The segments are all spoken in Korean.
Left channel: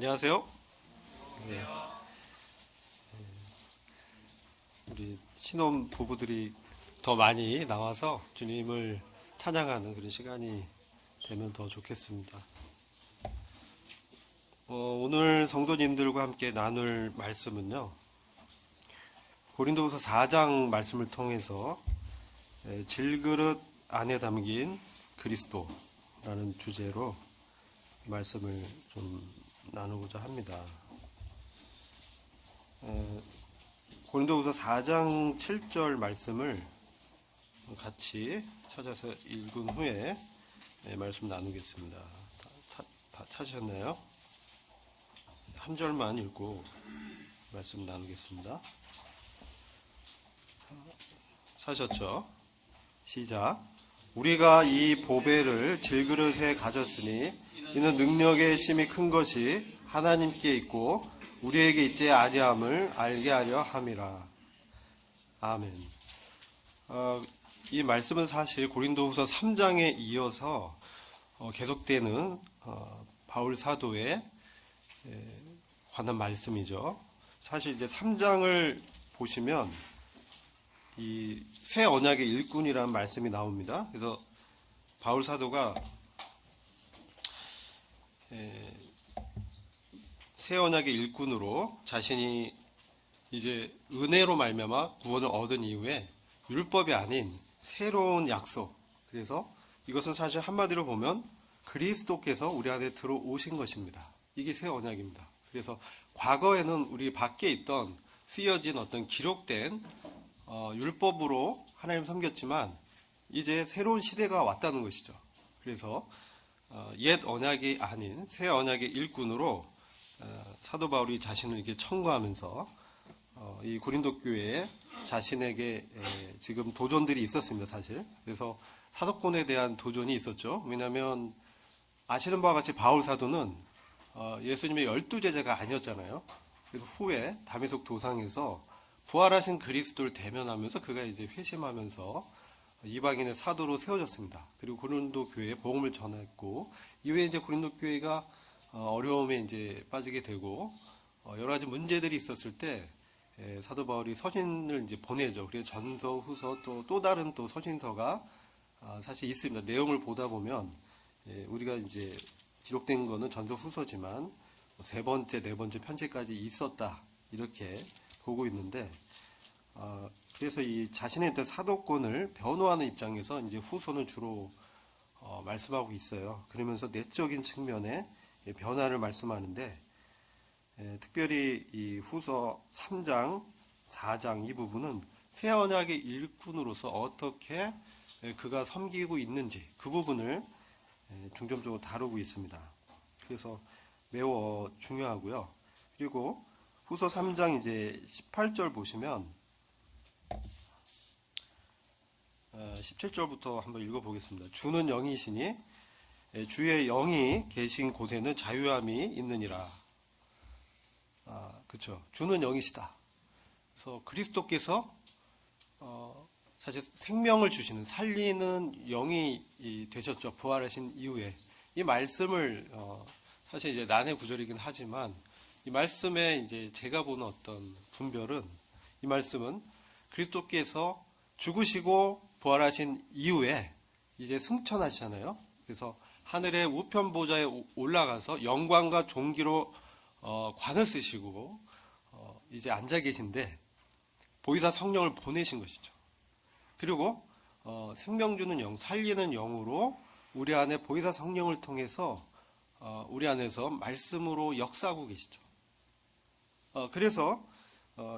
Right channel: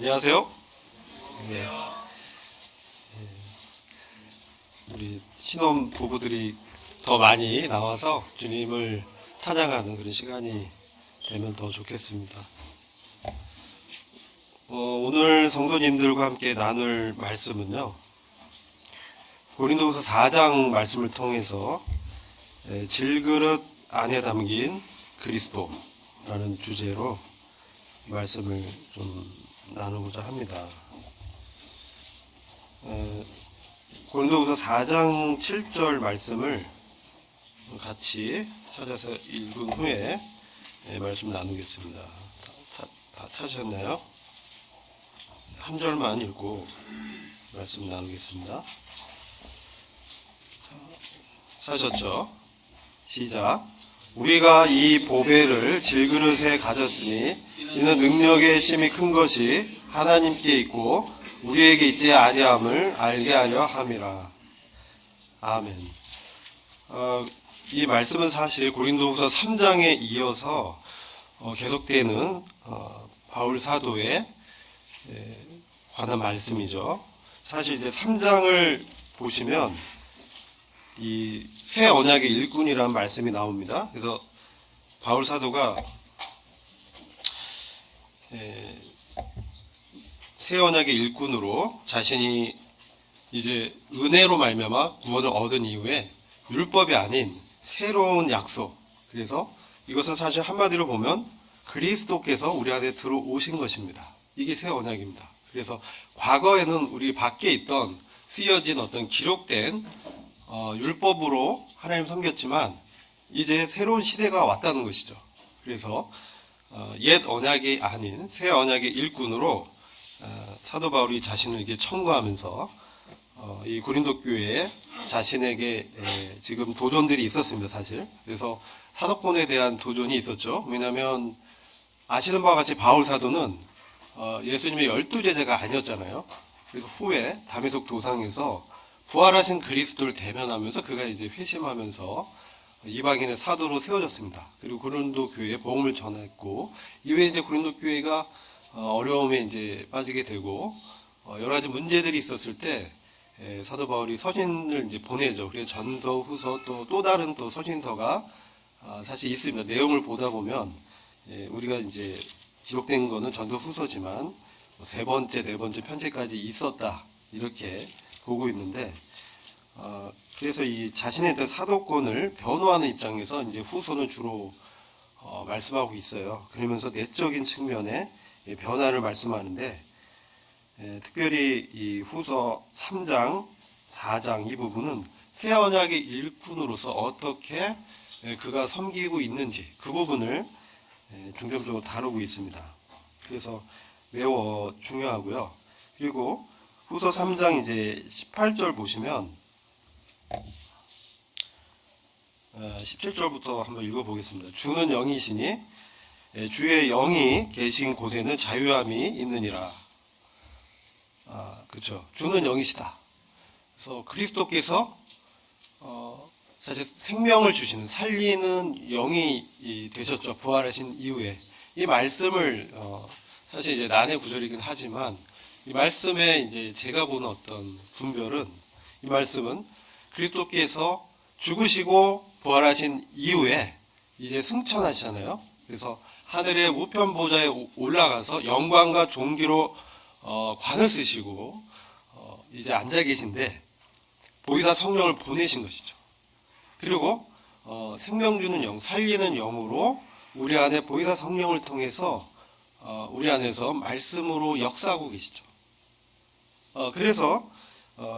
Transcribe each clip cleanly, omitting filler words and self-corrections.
안녕하세요. 네, 우리 신혼 부부들이 더 많이 나와서 주님을 찬양하는 그런 시간이 되면 더 좋겠습니다. 오늘 성도님들과 함께 나눌 말씀은요, 고린도후서 4장 말씀을 통해서 질그릇 안에 담긴 그리스도라는 주제로 말씀을 좀 나누고자 합니다. 고린도후서 4장 7절 말씀을 같이 찾아서 읽은 후에 말씀 나누겠습니다. 다 찾으셨나요? 한 절만 읽고 말씀 나누겠습니다. 찾으셨죠? 시작. 우리가 이 보배를 질그릇에 가졌으니 이는 능력의 힘이 큰 것이 하나님께 있고 우리에게 있지 아니함을 알게 하려 함이라. 아멘. 이 말씀은 사실 고린도후서 3장에 이어서 계속되는 바울 사도의 관한 말씀이죠. 사실 이제 3장을 보시면 이 새 언약의 일꾼이라는 말씀이 나옵니다. 그래서 바울 사도가 새 언약의 일꾼으로 자신이 이제 은혜로 말미암아 구원을 얻은 이후에 율법이 아닌 새로운 약속, 그래서 이것은 사실 한마디로 보면 그리스도께서 우리 안에 들어오신 것입니다. 이게 새 언약입니다. 그래서 과거에는 우리 밖에 있던 쓰여진 어떤 기록된 율법으로 하나님 섬겼지만 이제 새로운 시대가 왔다는 것이죠. 그래서 옛 언약이 아닌 새 언약의 일꾼으로 사도 바울이 자신을 이렇게 청구하면서 이 고린도 교회에 자신에게 지금 도전들이 있었습니다, 사실. 그래서 사도권에 대한 도전이 있었죠. 왜냐하면 아시는 바와 같이 바울 사도는 예수님의 12제자가 아니었잖아요. 그래서 후에 다메섹 도상에서 부활하신 그리스도를 대면하면서 그가 이제 회심하면서 이방인의 사도로 세워졌습니다. 그리고 고린도 교회에 복음을 전했고 이후에 이제 고린도 교회가 어려움에 이제 빠지게 되고 여러 가지 문제들이 있었을 때 사도 바울이 서신을 이제 보내죠. 그래서 전서, 후서 또 다른 또 서신서가 사실 있습니다. 내용을 보다 보면 우리가 이제 기록된 거는 전서, 후서지만 세 번째, 네 번째 편지까지 있었다 이렇게 보고 있는데 그래서 이 자신의 사도권을 변호하는 입장에서 이제 후서는 주로 말씀하고 있어요. 그러면서 내적인 측면에 변화를 말씀하는데 특별히 이 후서 3장, 4장 이 부분은 새 언약의 일꾼으로서 어떻게 그가 섬기고 있는지 그 부분을 중점적으로 다루고 있습니다. 그래서 매우 중요하고요. 그리고 후서 3장 이제 18절 보시면 17절부터 한번 읽어보겠습니다. 주는 영이시니 주의 영이 계신 곳에는 자유함이 있느니라. 그렇죠. 주는 영이시다. 그래서 그리스도께서 사실 생명을 주시는 살리는 영이 되셨죠. 부활하신 이후에 이 말씀을 사실 이제 난해 구절이긴 하지만 이 말씀에 이제 제가 보는 어떤 분별은 이 말씀은 그리스도께서 죽으시고 부활하신 이후에 이제 승천하시잖아요. 그래서 하늘의 우편 보좌에 올라가서 영광과 존귀로 관을 쓰시고 이제 앉아 계신데 보이사 성령을 보내신 것이죠. 그리고 생명 주는 영, 살리는 영으로 우리 안에 보이사 성령을 통해서 우리 안에서 말씀으로 역사하고 계시죠. 그래서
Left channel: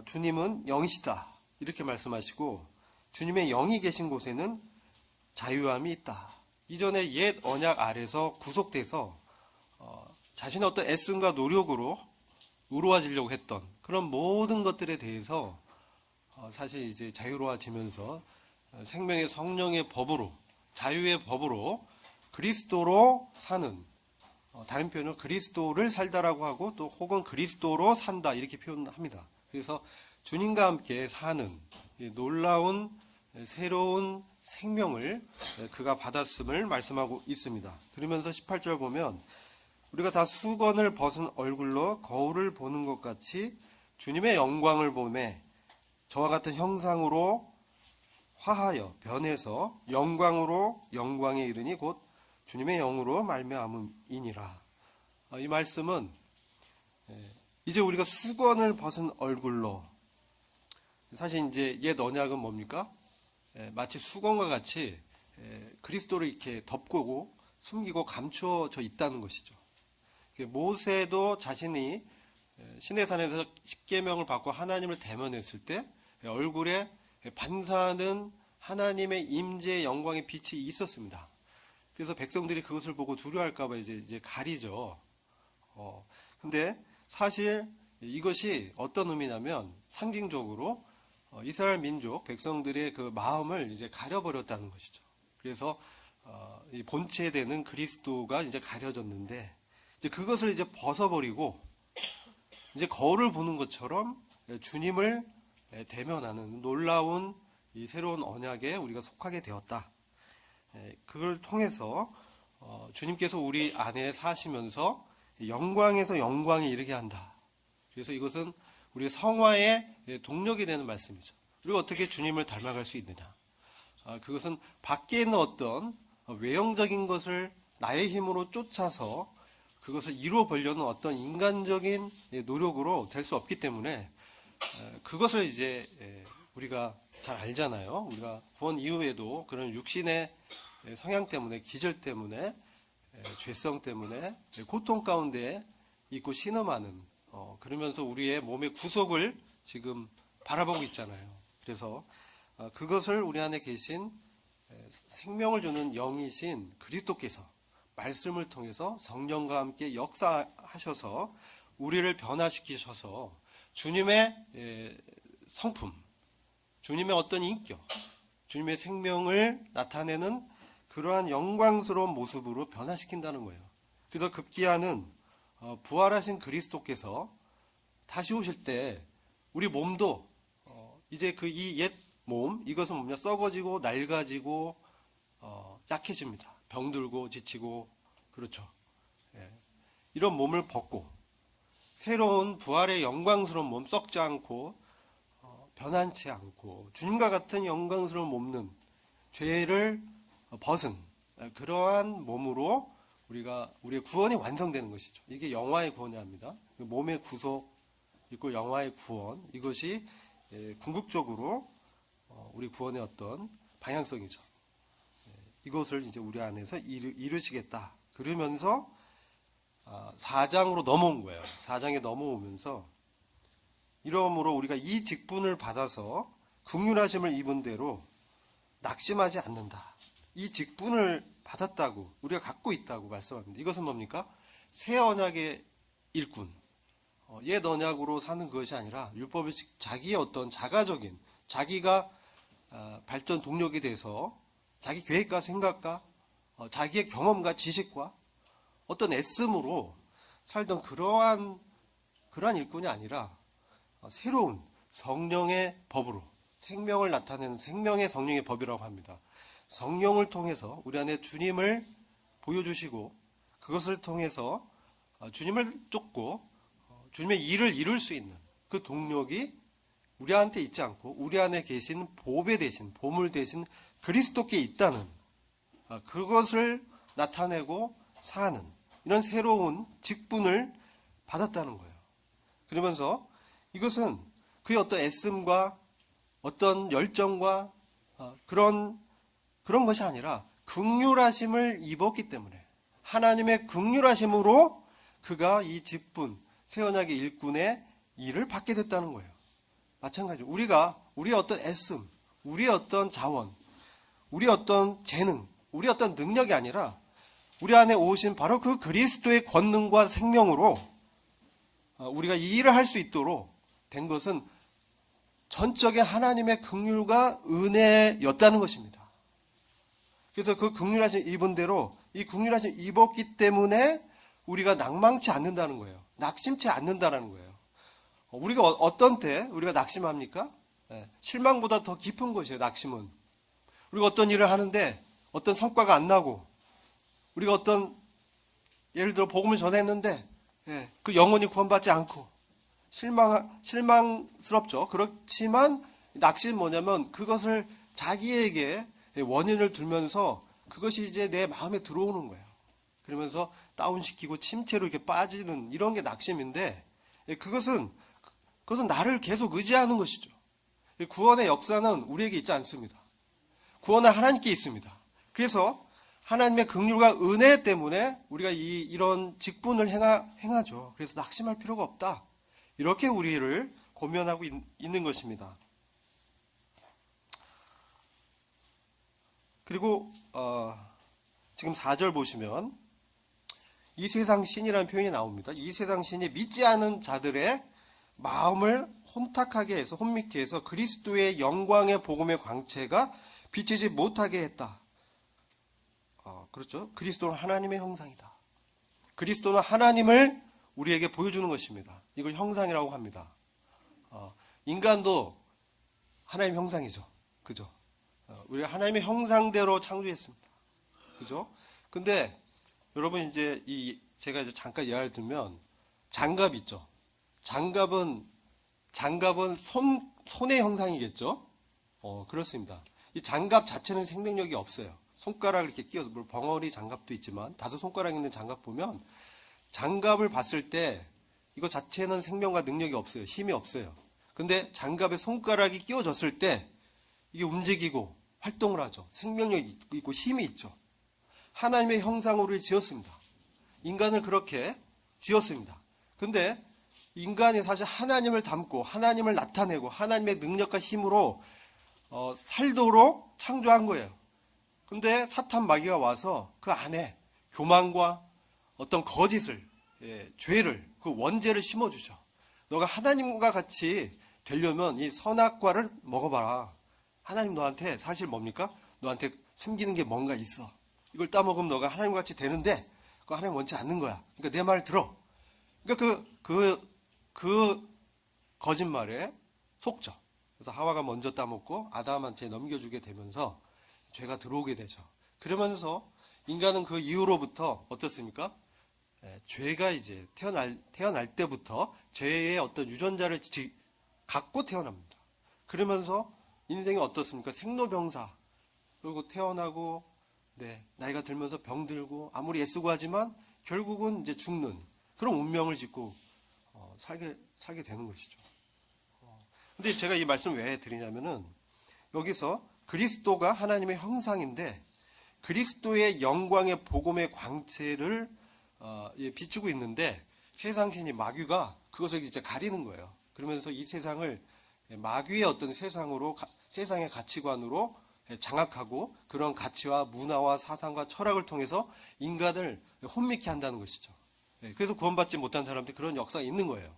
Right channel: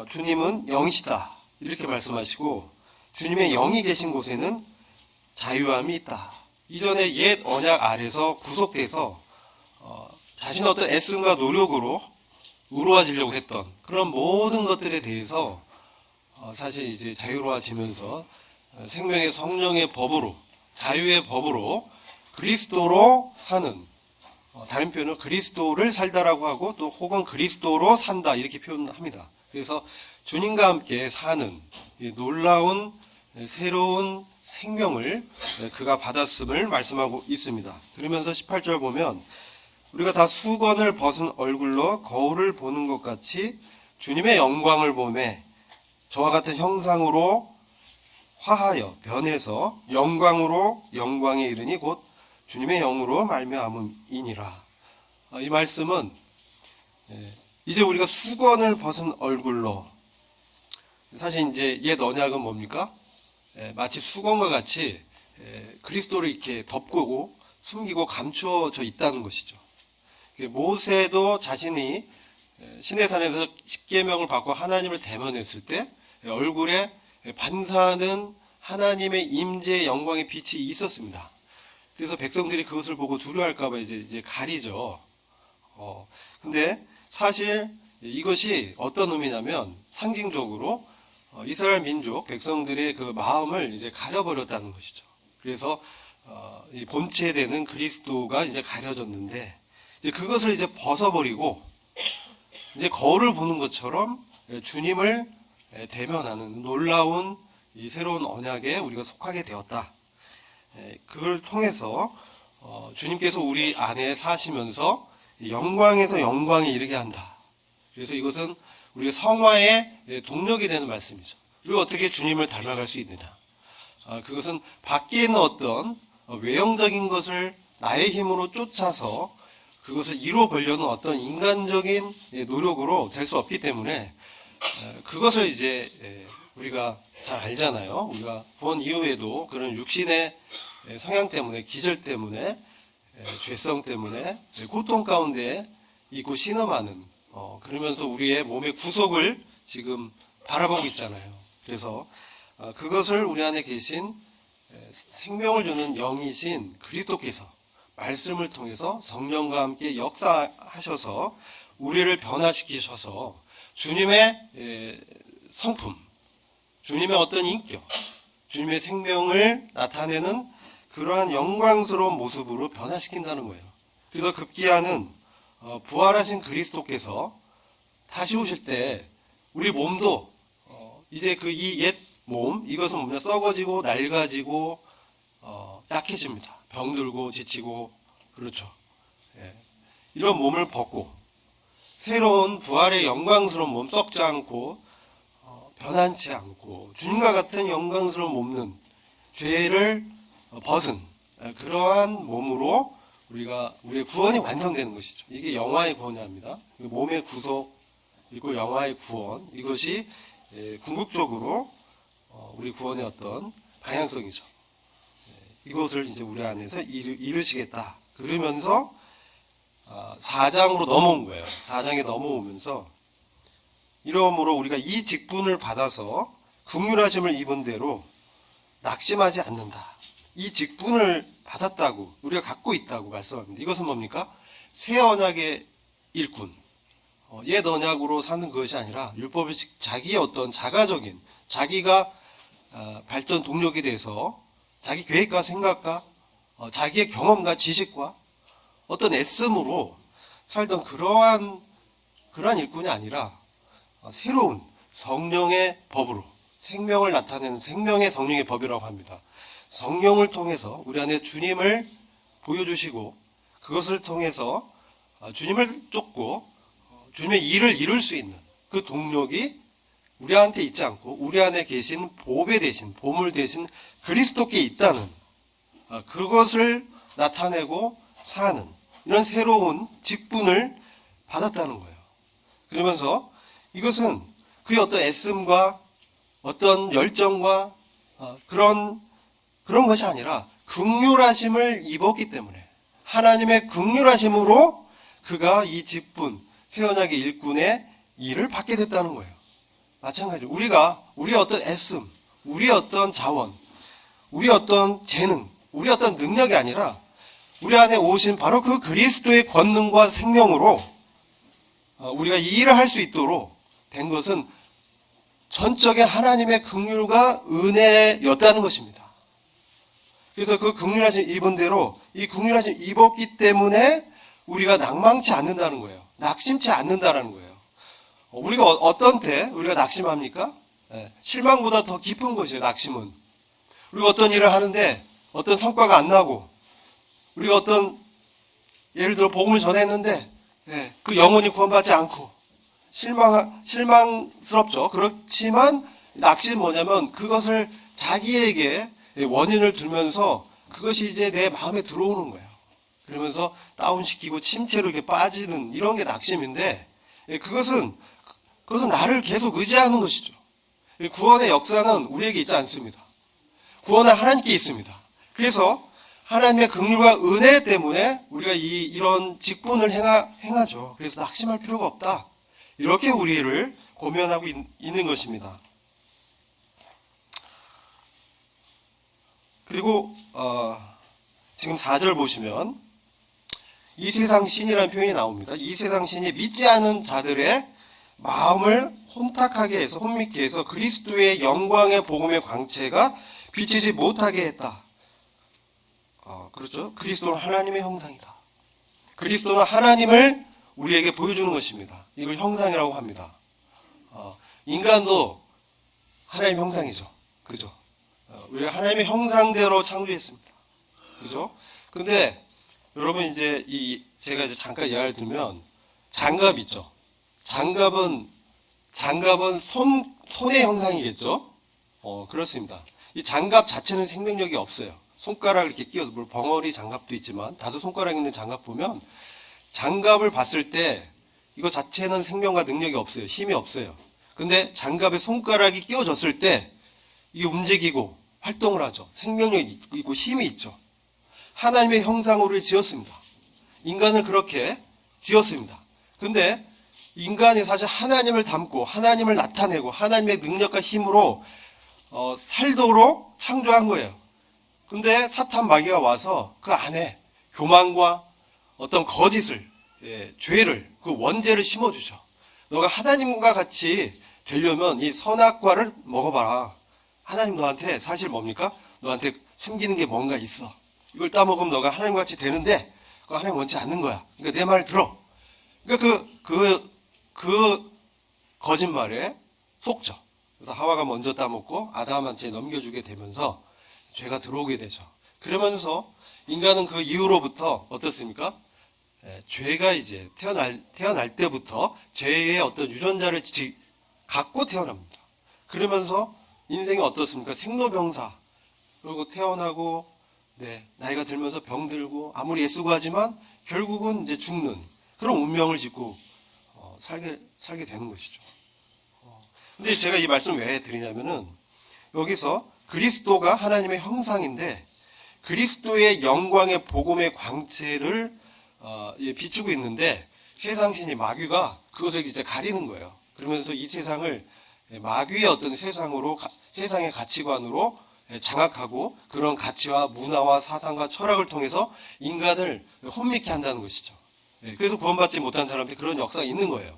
주님은 영이시다 이렇게 말씀하시고 주님의 영이 계신 곳에는 자유함이 있다. 이전에 옛 언약 아래서 구속돼서 자신의 어떤 애씀과 노력으로 의로워지려고 했던 그런 모든 것들에 대해서 사실 이제 자유로워지면서 생명의 성령의 법으로 자유의 법으로 그리스도로 사는 다른 표현은 그리스도를 살다라고 하고 또 혹은 그리스도로 산다 이렇게 표현합니다. 그래서 주님과 함께 사는 놀라운 새로운 생명을 그가 받았음을 말씀하고 있습니다. 그러면서 18절 보면 우리가 다 수건을 벗은 얼굴로 거울을 보는 것 같이 주님의 영광을 보매 저와 같은 형상으로 화하여 변해서 영광으로 영광에 이르니 곧 주님의 영으로 말미암음이니라. 이 말씀은 이제 우리가 수건을 벗은 얼굴로, 사실 이제 옛 언약은 뭡니까? 마치 수건과 같이 그리스도를 이렇게 덮고 숨기고 감추어져 있다는 것이죠. 모세도 자신이 시내산에서 십계명을 받고 하나님을 대면했을 때 얼굴에 반사하는 하나님의 임재의 영광의 빛이 있었습니다. 그래서 백성들이 그것을 보고 두려워할까봐 이제 가리죠. 근데 사실 이것이 어떤 의미냐면 상징적으로 이스라엘 민족 백성들의 그 마음을 이제 가려버렸다는 것이죠. 그래서 이 본체되는 그리스도가 이제 가려졌는데 이제 그것을 이제 벗어버리고 이제 거울을 보는 것처럼 주님을 대면하는 놀라운 이 새로운 언약에 우리가 속하게 되었다. 그걸 통해서 주님께서 우리 안에 사시면서 영광에서 영광에 이르게 한다. 그래서 이것은 우리 성화의 동력이 되는 말씀이죠. 그리고 어떻게 주님을 닮아갈 수 있느냐? 그것은 밖에 있는 어떤 외형적인 것을 나의 힘으로 쫓아서 그것을 이루어 보려는 어떤 인간적인 노력으로 될 수 없기 때문에 그것을 이제 우리가 잘 알잖아요. 우리가 구원 이후에도 그런 육신의 성향 때문에, 기절 때문에, 죄성 때문에 고통 가운데 있고 신음하는, 그러면서 우리의 몸의 구속을 지금 바라보고 있잖아요. 그래서 그것을 우리 안에 계신 생명을 주는 영이신 그리스도께서 말씀을 통해서 성령과 함께 역사하셔서 우리를 변화시키셔서 주님의 성품, 주님의 어떤 인격, 주님의 생명을 나타내는 그러한 영광스러운 모습으로 변화시킨다는 거예요. 그래서 급기야는 부활하신 그리스도께서 다시 오실 때 우리 몸도 이제 그 이 옛 몸, 이것은 뭐냐, 썩어지고 낡아지고 약해집니다. 병들고 지치고, 그렇죠. 이런 몸을 벗고 새로운 부활의 영광스러운 몸, 썩지 않고 변한치 않고 주님과 같은 영광스러운 몸은 죄를 벗은 그러한 몸으로 우리의 구원이 완성되는 것이죠. 이게 영화의 구원입니다. 몸의 구속 그리고 영화의 구원, 이것이 궁극적으로 우리 구원의 어떤 방향성이죠. 이것을 이제 우리 안에서 이루시겠다. 그러면서 4장으로 넘어온 거예요. 4장에 넘어오면서 이러므로 우리가 이 직분을 받아서 긍휼하심을 입은 대로 낙심하지 않는다. 이 직분을 받았다고, 우리가 갖고 있다고 말씀합니다. 이것은 뭡니까? 새 언약의 일꾼, 옛 언약으로 사는 것이 아니라 율법을 자기의 어떤 자가적인, 자기가 발전 동력이 돼서 자기 계획과 생각과 자기의 경험과 지식과 어떤 애씀으로 살던 그러한 일꾼이 아니라 새로운 성령의 법으로 생명을 나타내는 생명의 성령의 법이라고 합니다. 성령을 통해서 우리 안에 주님을 보여주시고 그것을 통해서 주님을 쫓고 주님의 일을 이룰 수 있는 그 동력이 우리한테 있지 않고 우리 안에 계신 보배 대신, 보물 대신 그리스도께 있다는 그것을 나타내고 사는 이런 새로운 직분을 받았다는 거예요. 그러면서 이것은 그의 어떤 애씀과 어떤 열정과 그런 것이 아니라 긍휼하심을 입었기 때문에 하나님의 긍휼하심으로 그가 이 직분, 새 언약의 일꾼의 일을 받게 됐다는 거예요. 마찬가지로 우리의 어떤 애씀, 우리의 어떤 자원, 우리의 어떤 재능, 우리의 어떤 능력이 아니라 우리 안에 오신 바로 그 그리스도의 권능과 생명으로 우리가 이 일을 할 수 있도록 된 것은 전적인 하나님의 긍휼과 은혜였다는 것입니다. 그래서 그 긍휼하심 입은 대로 이 긍휼하심 입었기 때문에 우리가 낙망치 않는다는 거예요. 낙심치 않는다는 거예요. 우리가 어떤 때 우리가 낙심합니까? 실망보다 더 깊은 것이에요. 낙심은. 우리가 어떤 일을 하는데 어떤 성과가 안 나고 우리가 어떤 예를 들어 복음을 전했는데 그 영혼이 구원받지 않고 실망스럽죠. 그렇지만 낚시는 뭐냐면 그것을 자기에게 원인을 들면서 그것이 이제 내 마음에 들어오는 거예요. 그러면서 다운시키고 침체로 이렇게 빠지는 이런 게 낙심인데 그것은 나를 계속 의지하는 것이죠. 구원의 역사는 우리에게 있지 않습니다. 구원은 하나님께 있습니다. 그래서 하나님의 긍휼과 은혜 때문에 우리가 이런 직분을 행하죠. 그래서 낙심할 필요가 없다. 이렇게 우리를 고면하고 있는 것입니다. 그리고 지금 4절 보시면 이 세상 신이라는 표현이 나옵니다. 이 세상 신이 믿지 않은 자들의 마음을 혼탁하게 해서 혼미케 해서 그리스도의 영광의 복음의 광채가 비치지 못하게 했다. 그렇죠. 그리스도는 하나님의 형상이다. 그리스도는 하나님을 우리에게 보여주는 것입니다. 이걸 형상이라고 합니다. 인간도 하나님의 형상이죠. 그죠? 우리가 하나님의 형상대로 창조했습니다. 그죠? 근데 여러분 이제 제가 이제 잠깐 이야기를 들면 장갑 있죠. 장갑은 손의 형상이겠죠. 그렇습니다. 이 장갑 자체는 생명력이 없어요. 손가락을 이렇게 끼워서 물론 벙어리 장갑도 있지만 다섯 손가락 있는 장갑 보면 장갑을 봤을 때 이거 자체는 생명과 능력이 없어요. 힘이 없어요. 근데 장갑에 손가락이 끼워졌을 때 이게 움직이고 활동을 하죠. 생명력이 있고 힘이 있죠. 하나님의 형상으로 지었습니다. 인간을 그렇게 지었습니다. 근데 인간이 사실 하나님을 닮고 하나님을 나타내고 하나님의 능력과 힘으로 살도록 창조한 거예요. 근데 사탄 마귀가 와서 그 안에 교만과 어떤 거짓을, 죄를, 그 원죄를 심어주죠. 너가 하나님과 같이 되려면 이 선악과를 먹어봐라. 하나님 너한테 사실 뭡니까? 너한테 숨기는 게 뭔가 있어. 이걸 따먹으면 너가 하나님과 같이 되는데 그거 하나님 원치 않는 거야. 그러니까 내 말 들어. 그러니까 그 거짓말에 속죠. 그래서 하와가 먼저 따먹고 아담한테 넘겨주게 되면서 죄가 들어오게 되죠. 그러면서 인간은 그 이후로부터 어떻습니까? 죄가 이제 태어날 때부터 죄의 어떤 유전자를 갖고 태어납니다. 그러면서 인생이 어떻습니까? 생로병사. 그리고 태어나고 나이가 들면서 병들고 아무리 애쓰고 하지만 결국은 이제 죽는 그런 운명을 짓고 살게 되는 것이죠. 근데 제가 이 말씀을 왜 드리냐면은 여기서 그리스도가 하나님의 형상인데 그리스도의 영광의 복음의 광채를 비추고 있는데 세상 신이 마귀가 그것을 이제 가리는 거예요. 그러면서 이 세상을 마귀의 어떤 세상의 가치관으로 장악하고 그런 가치와 문화와 사상과 철학을 통해서 인간을 혼미케 한다는 것이죠. 그래서 구원받지 못한 사람들이 그런 역사가 있는 거예요.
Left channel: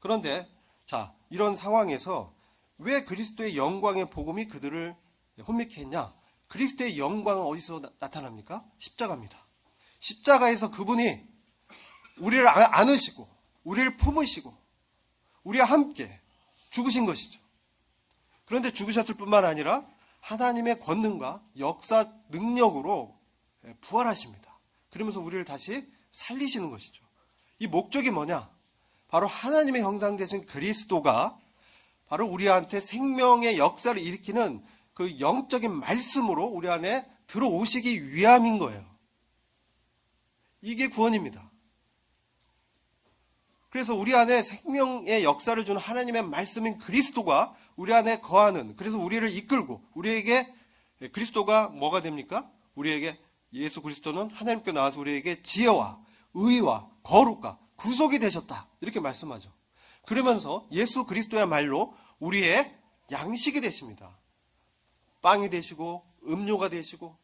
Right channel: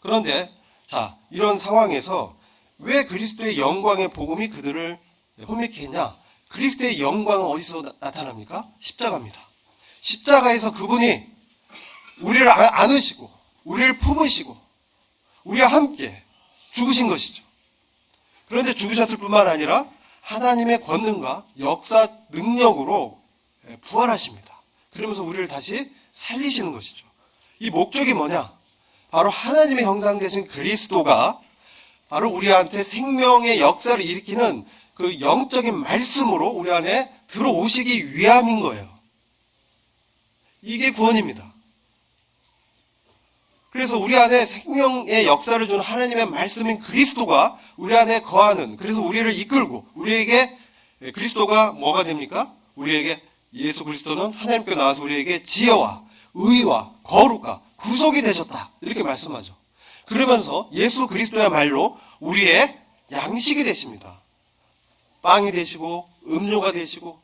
그런데 자, 이런 상황에서 왜 그리스도의 영광의 복음이 그들을 혼미케 했냐? 그리스도의 영광은 어디서 나타납니까? 십자가입니다. 십자가에서 그분이 우리를 안으시고 우리를 품으시고 우리와 함께 죽으신 것이죠. 그런데 죽으셨을 뿐만 아니라 하나님의 권능과 역사 능력으로 부활하십니다. 그러면서 우리를 다시 살리시는 것이죠. 이 목적이 뭐냐? 바로 하나님의 형상 되신 그리스도가 바로 우리한테 생명의 역사를 일으키는 그 영적인 말씀으로 우리 안에 들어오시기 위함인 거예요. 이게 구원입니다. 그래서 우리 안에 생명의 역사를 준 하나님의 말씀인 그리스도가 우리 안에 거하는, 그래서 우리를 이끌고 우리에게 그리스도가 뭐가 됩니까? 우리에게 예수 그리스도는 하나님께 나와서 우리에게 지혜와 의와 거룩과 구속이 되셨다. 이렇게 말씀하죠. 그러면서 예수 그리스도야말로 우리의 양식이 되십니다. 빵이 되시고 음료가 되시고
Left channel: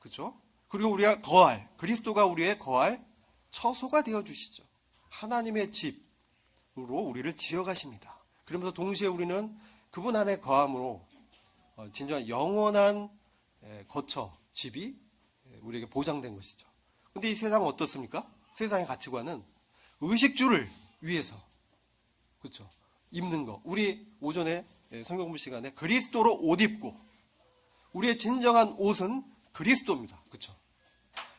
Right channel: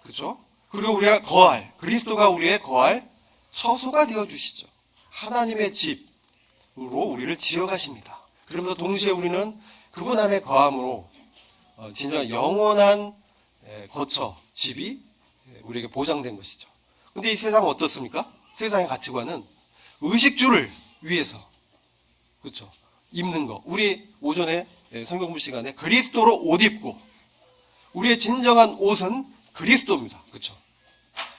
그렇죠? 그리고 우리가 그리스도가 우리의 거할 처소가 되어 주시죠. 하나님의 집으로 우리를 지어가십니다. 그러면서 동시에 우리는 그분 안에 거함으로 진정한 영원한 거처, 집이 우리에게 보장된 것이죠. 근데 이 세상은 어떻습니까? 세상의 가치관은 의식주를 위해서 그렇죠? 입는 거. 우리 오전에 성경부 시간에 그리스도로 옷 입고 우리의 진정한 옷은 그리스도입니다. 그렇죠?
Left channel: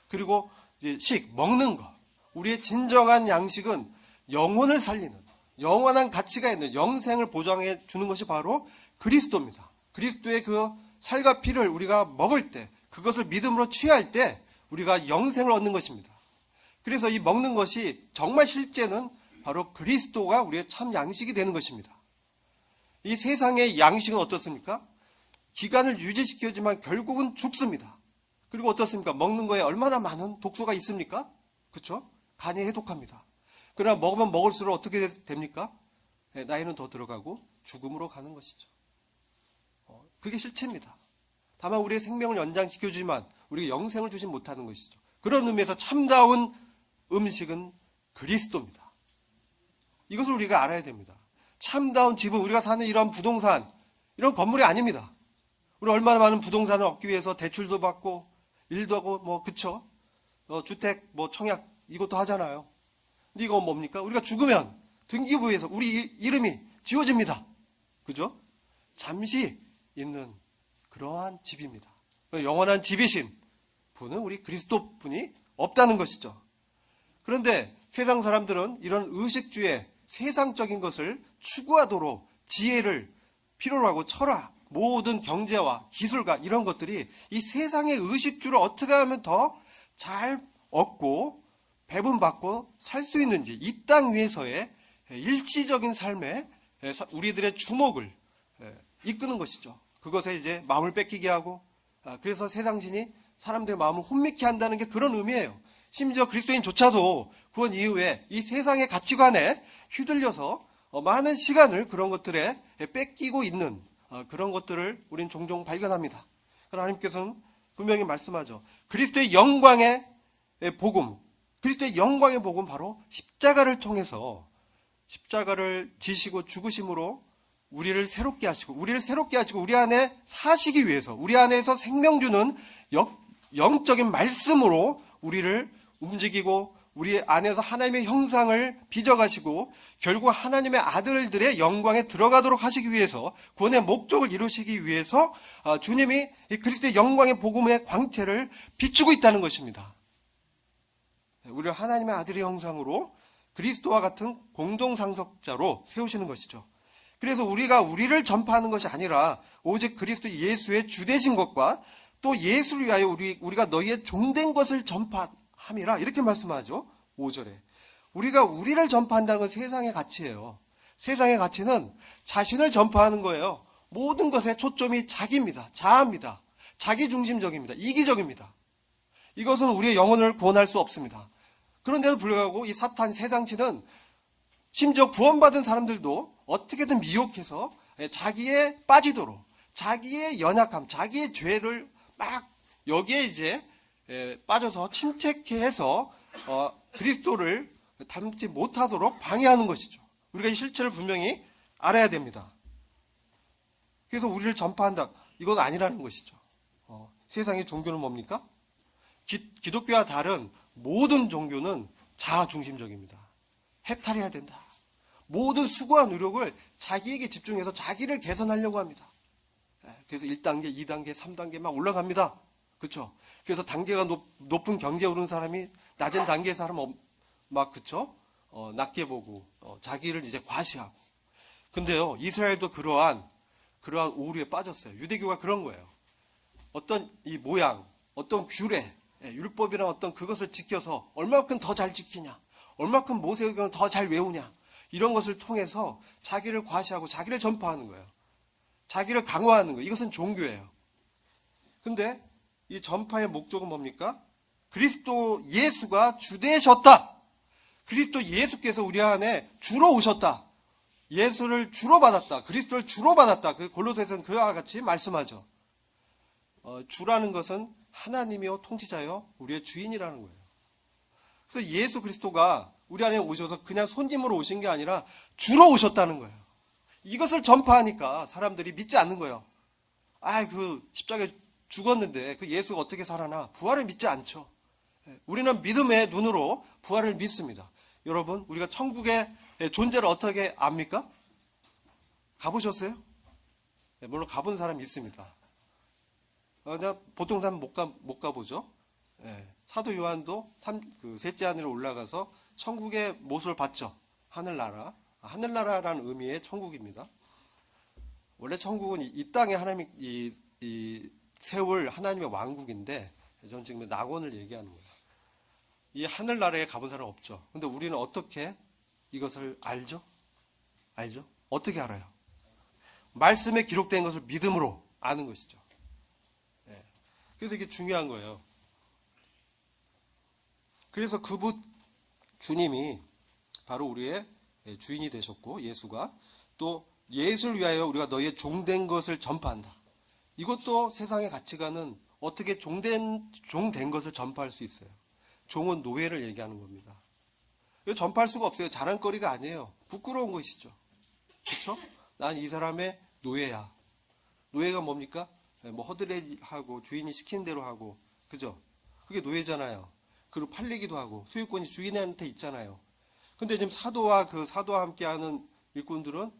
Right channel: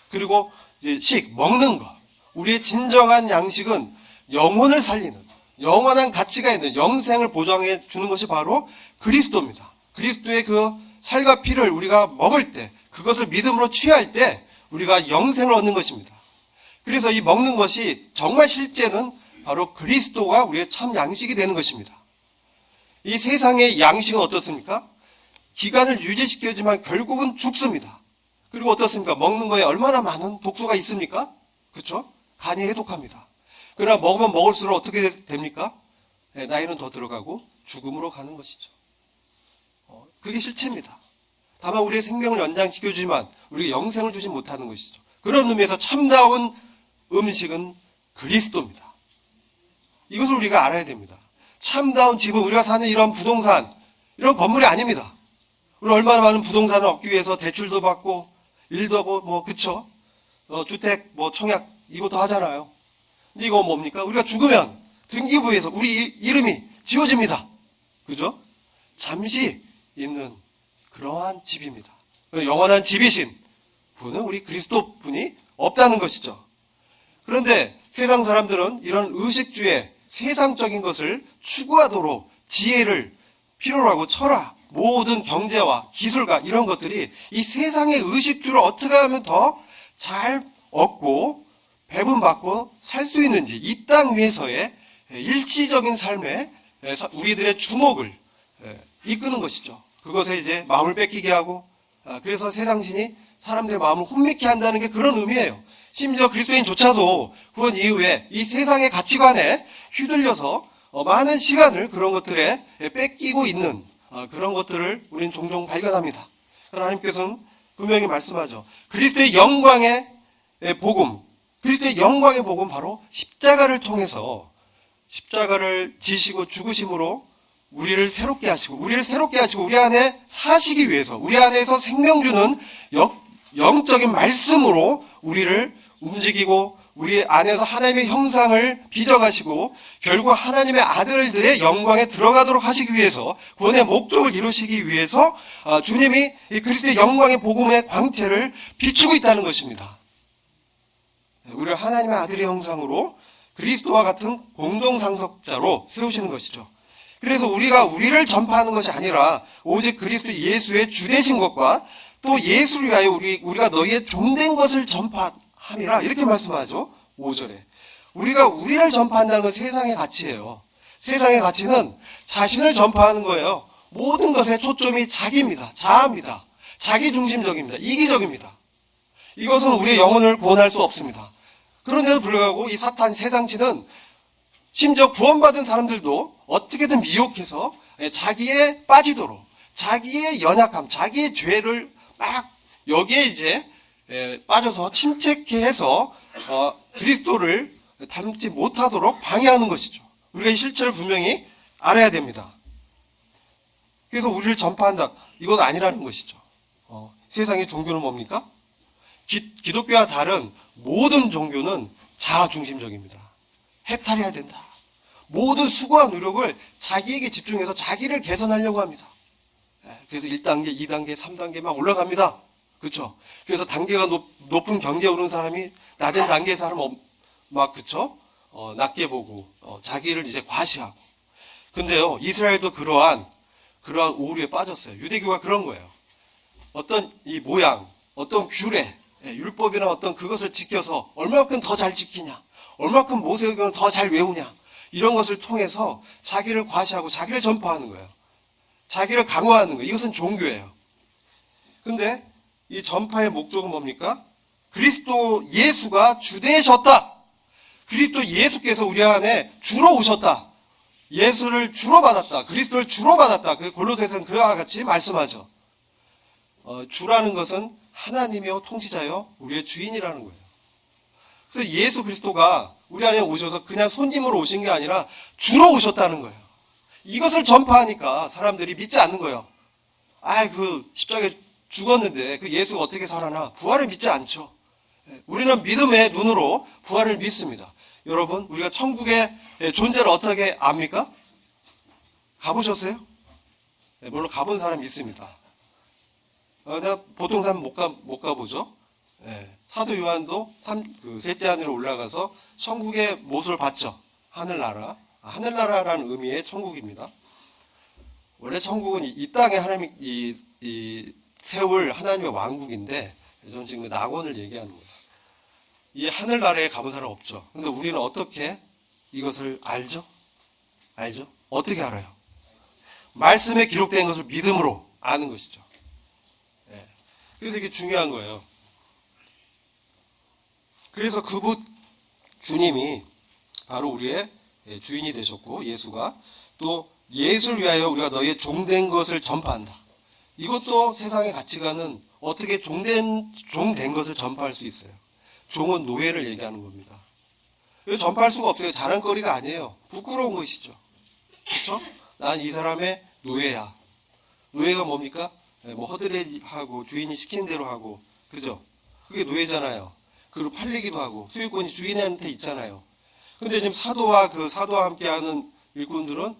그리고 이제 먹는 것. 우리의 진정한 양식은 영혼을 살리는, 영원한 가치가 있는 영생을 보장해 주는 것이 바로 그리스도입니다. 그리스도의 그 살과 피를 우리가 먹을 때, 그것을 믿음으로 취할 때 우리가 영생을 얻는 것입니다. 그래서 이 먹는 것이 정말 실제는 바로 그리스도가 우리의 참 양식이 되는 것입니다. 이 세상의 양식은 어떻습니까? 기간을 유지시키지만 결국은 죽습니다. 그리고 어떻습니까? 먹는 거에 얼마나 많은 독소가 있습니까? 그렇죠? 간이 해독합니다. 그러나 먹으면 먹을수록 어떻게 됩니까? 나이는 더 들어가고 죽음으로 가는 것이죠. 그게 실체입니다. 다만 우리의 생명을 연장시켜주지만 우리가 영생을 주지 못하는 것이죠. 그런 의미에서 참다운 음식은 그리스도입니다. 이것을 우리가 알아야 됩니다. 참다운 집은 우리가 사는 이런 부동산, 이런 건물이 아닙니다. 우리 얼마나 많은 부동산을 얻기 위해서 대출도 받고 일도 하고 그쵸? 주택 청약 이것도 하잖아요. 근데 이거 뭡니까? 우리가 죽으면 등기부에서 우리 이름이 지워집니다. 그죠? 잠시 있는 그러한 집입니다. 영원한 집이신 분은 우리 그리스도 분이 없다는 것이죠. 그런데 세상 사람들은 이런 의식주의 세상적인 것을 추구하도록 지혜를 필요로 하고 철학, 모든 경제와 기술과 이런 것들이 이 세상의 의식주를 어떻게 하면 더 잘 얻고 배분받고 살 수 있는지 이 땅 위에서의 일시적인 삶에 우리들의 주목을 이끄는 것이죠. 그것에 이제 마음을 뺏기게 하고 그래서 세상신이 사람들의 마음을 혼미케 한다는 게 그런 의미예요. 심지어 그리스도인조차도 구원 이후에 이 세상의 가치관에 휘둘려서 많은 시간을 그런 것들에 뺏기고 있는 그런 것들을 우리는 종종 발견합니다. 그러나 하나님께서는 분명히 말씀하죠. 그리스도의 영광의 복음, 그리스도의 영광의 복음 바로 십자가를 통해서 십자가를 지시고 죽으심으로 우리를 새롭게 하시고 우리 안에 사시기 위해서 우리 안에서 생명 주는 영적인 말씀으로 우리를 움직이고 우리 안에서 하나님의 형상을 빚어가시고 결국 하나님의 아들들의 영광에 들어가도록 하시기 위해서 구원의 목적을 이루시기 위해서 주님이 이 그리스도의 영광의 복음의 광채를 비추고 있다는 것입니다. 우리를 하나님의 아들의 형상으로 그리스도와 같은 공동상속자로 세우시는 것이죠. 그래서 우리가 우리를 전파하는 것이 아니라 오직 그리스도 예수의 주되신 것과 또 예수를 위하여 우리가 너희의 종된 것을 전파함이라 이렇게 말씀하죠. 5절에. 우리가 우리를 전파한다는 건 세상의 가치예요. 세상의 가치는 자신을 전파하는 거예요. 모든 것의 초점이 자기입니다. 자아입니다. 자기중심적입니다. 이기적입니다. 이것은 우리의 영혼을 구원할 수 없습니다. 그런데도 불구하고 이 사탄 세상신은 심지어 구원받은 사람들도 어떻게든 미혹해서 자기에 빠지도록 자기의 연약함, 자기의 죄를 막 여기에 이제 빠져서 침체케 해서 그리스도를 닮지 못하도록 방해하는 것이죠. 우리가 이 실체를 분명히 알아야 됩니다. 그래서 우리를 전파한다. 이건 아니라는 것이죠. 세상의 종교는 뭡니까? 기독교와 다른 모든 종교는 자아중심적입니다. 해탈해야 된다. 모든 수고와 노력을 자기에게 집중해서 자기를 개선하려고 합니다. 그래서 1단계, 2단계, 3단계 막 올라갑니다. 그렇죠? 그래서 단계가 높은 경제에 오르는 사람이 낮은 단계의 사람 막 그렇죠? 낮게 보고 자기를 이제 과시하고. 근데요, 이스라엘도 그러한 오류에 빠졌어요. 유대교가 그런 거예요. 어떤 이 모양, 어떤 규례, 율법이나 어떤 그것을 지켜서 얼마큼 더 잘 지키냐, 얼마큼 모세오경을 더 잘 외우냐, 이런 것을 통해서 자기를 과시하고 자기를 전파하는 거예요. 자기를 강화하는 거예요. 이것은 종교예요. 근데 이 전파의 목적은 뭡니까? 그리스도 예수가 주되셨다. 그리스도 예수께서 우리 안에 주로 오셨다. 예수를 주로 받았다. 그리스도를 주로 받았다. 골로새서는 그와 같이 말씀하죠. 주라는 것은 하나님이요 통치자요 우리의 주인이라는 거예요. 그래서 예수 그리스도가 우리 안에 오셔서 그냥 손님으로 오신 게 아니라 주로 오셨다는 거예요. 이것을 전파하니까 사람들이 믿지 않는 거예요. 십자가에 죽었는데 그 예수가 어떻게 살아나? 부활을 믿지 않죠. 우리는 믿음의 눈으로 부활을 믿습니다. 여러분, 우리가 천국의 존재를 어떻게 압니까? 가보셨어요? 물론 가본 사람이 있습니다. 보통 사람은 못 가보죠. 사도 요한도 셋째 하늘에 올라가서 천국의 모습을 봤죠. 하늘나라. 하늘나라라는 의미의 천국입니다. 원래 천국은 이 땅에 하나님이 세울 하나님의 왕국인데, 저는 지금 낙원을 얘기하는 거예요. 이 하늘나라에 가본 사람 없죠. 근데 우리는 어떻게 이것을 알죠? 어떻게 알아요? 말씀에 기록된 것을 믿음으로 아는 것이죠. 그래서 이게 중요한 거예요. 그래서 그분 주님이 바로 우리의 주인이 되셨고, 예수가 또 예수를 위하여 우리가 너희의 종된 것을 전파한다. 이것도 세상의 가치관은 어떻게 종된 것을 전파할 수 있어요. 종은 노예를 얘기하는 겁니다. 전파할 수가 없어요. 자랑거리가 아니에요. 부끄러운 것이죠. 그렇죠? 난 이 사람의 노예야. 노예가 뭡니까? 뭐 허드렛하고 주인이 시키는 대로 하고, 그죠? 그게 노예잖아요. 그리고 팔리기도 하고 소유권이 주인한테 있잖아요. 근데 지금 사도와 함께하는 일꾼들은,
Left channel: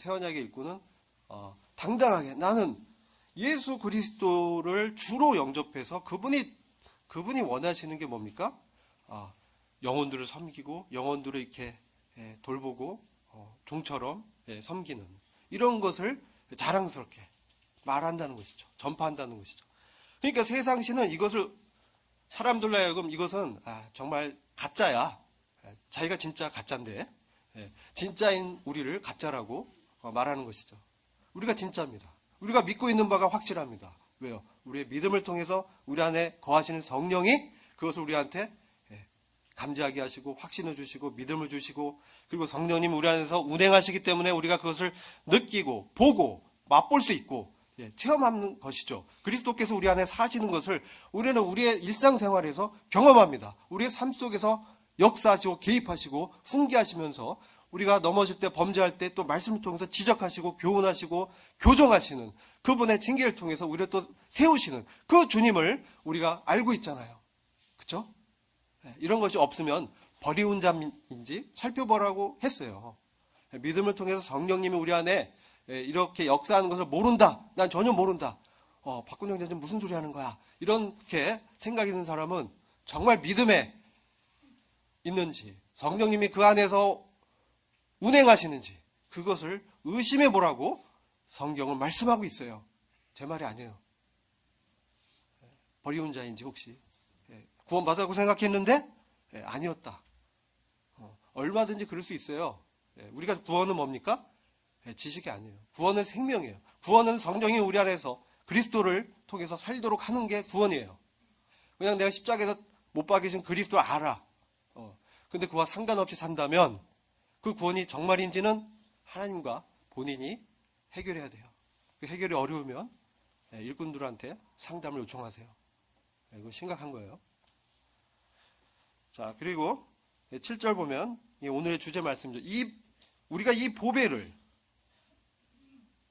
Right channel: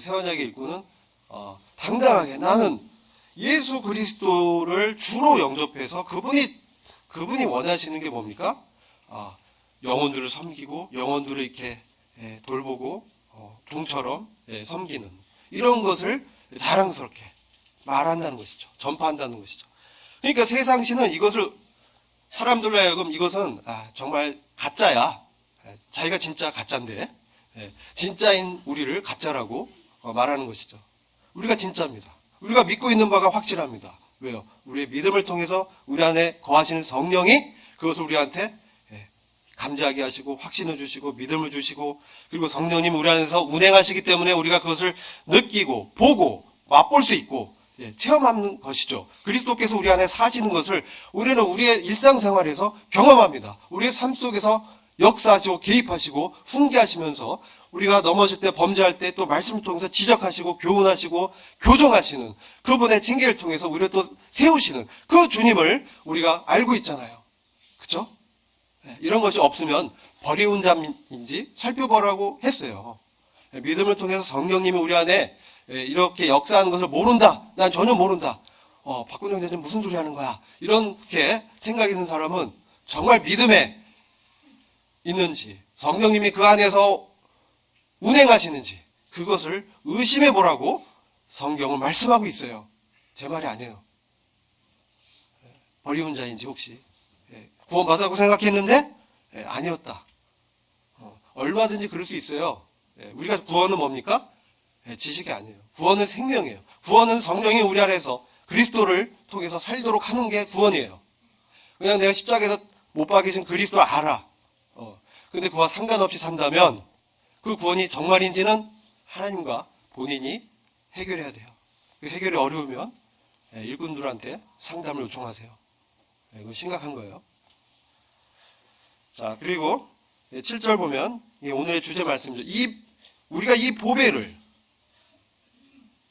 새 언약의 일꾼은 당당하게 나는 예수 그리스도를 주로 영접해서 그분이 원하시는 게 뭡니까? 영혼들을 섬기고 영혼들을 이렇게 돌보고 종처럼 섬기는 이런 것을 자랑스럽게 말한다는 것이죠. 전파한다는 것이죠. 그러니까 세상신은 이것을 사람들로 하여금 이것은 정말 가짜야. 자기가 진짜 가짜인데 진짜인 우리를 가짜라고 말하는 것이죠. 우리가 진짜입니다. 우리가 믿고 있는 바가 확실합니다. 왜요? 우리의 믿음을 통해서 우리 안에 거하시는 성령이 그것을 우리한테 감지하게 하시고 확신을 주시고 믿음을 주시고, 그리고 성령님 우리 안에서 운행하시기 때문에 우리가 그것을 느끼고 보고 맛볼 수 있고 체험하는 것이죠. 그리스도께서 우리 안에 사시는 것을 우리는 우리의 일상생활에서 경험합니다. 우리의 삶 속에서 역사하시고 개입하시고 훈계하시면서 우리가 넘어질 때, 범죄할 때 또 말씀을 통해서 지적하시고 교훈하시고 교정하시는 그분의 징계를 통해서 우리를 또 세우시는 그 주님을 우리가 알고 있잖아요. 그렇죠? 이런 것이 없으면 버리운 자인지 살펴보라고 했어요. 믿음을 통해서 성령님이 우리 안에 이렇게 역사하는 것을 모른다. 난 전혀 모른다. 박근혜 형제는 무슨 소리 하는 거야. 이렇게 생각이 드는 사람은 정말 믿음에 있는지, 성령님이 그 안에서 운행하시는지 그것을 의심해 보라고 성경은 말씀하고 있어요. 제 말이 아니에요. 버리운 자인지 혹시 구원받았다고 생각했는데 아니었다. 얼마든지 그럴 수 있어요. 우리가 구원은 뭡니까? 지식이 아니에요. 구원은 생명이에요. 구원은 성령이 우리 안에서 그리스도를 통해서 살도록 하는 게 구원이에요. 그냥 내가 십자가에서 못 박이신 그리스도 알아. 근데 그와 상관없이 산다면 그 구원이 정말인지는 하나님과 본인이 해결해야 돼요. 그 해결이 어려우면 일꾼들한테 상담을 요청하세요. 이거 심각한 거예요. 자, 그리고 7절 보면 오늘의 주제 말씀이죠. 우리가 이 보배를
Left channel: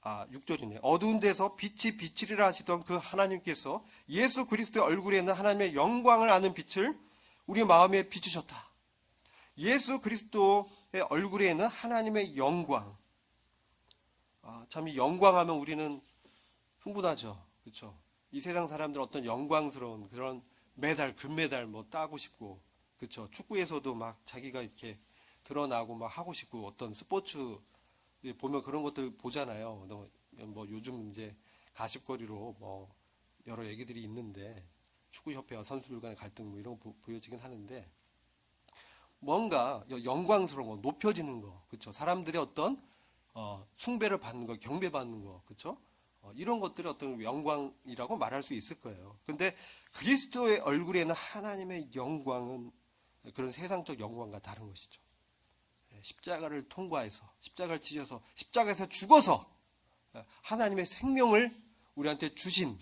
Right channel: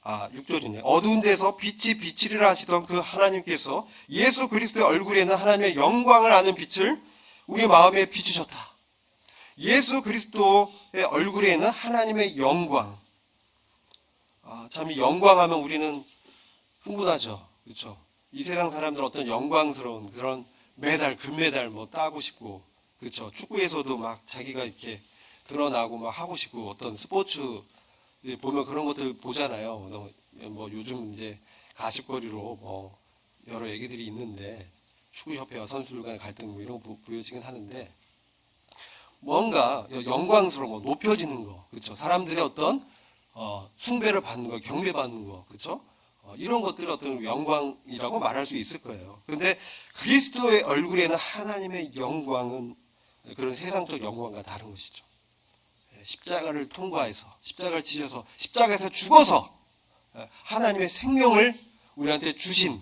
6절이네요. 어두운 데서 빛이 비치리라 하시던 그 하나님께서 예수 그리스도의 얼굴에 있는 하나님의 영광을 아는 빛을 우리 마음에 비추셨다. 예수 그리스도의 얼굴에 있는 하나님의 영광. 참 이 영광하면 우리는 흥분하죠. 그렇죠? 이 세상 사람들 어떤 영광스러운 그런 메달, 금메달 뭐 따고 싶고, 그렇죠? 축구에서도 막 자기가 이렇게 드러나고 막 하고 싶고, 어떤 스포츠 보면 그런 것들 보잖아요. 뭐 요즘 이제 가십거리로 뭐 여러 얘기들이 있는데, 축구협회와 선수들 간의 갈등 뭐 이런 거 보여지긴 하는데, 뭔가 영광스러운 거, 높여지는 거, 그렇죠? 사람들의 어떤 숭배를 받는 거, 경배받는 거, 그렇죠? 이런 것들이 어떤 영광이라고 말할 수 있을 거예요. 그런데 그리스도의 얼굴에는 하나님의 영광은 그런 세상적 영광과 다른 것이죠. 십자가를 통과해서, 십자가를 지셔서, 십자가에서 죽어서 하나님의 생명을 우리한테 주신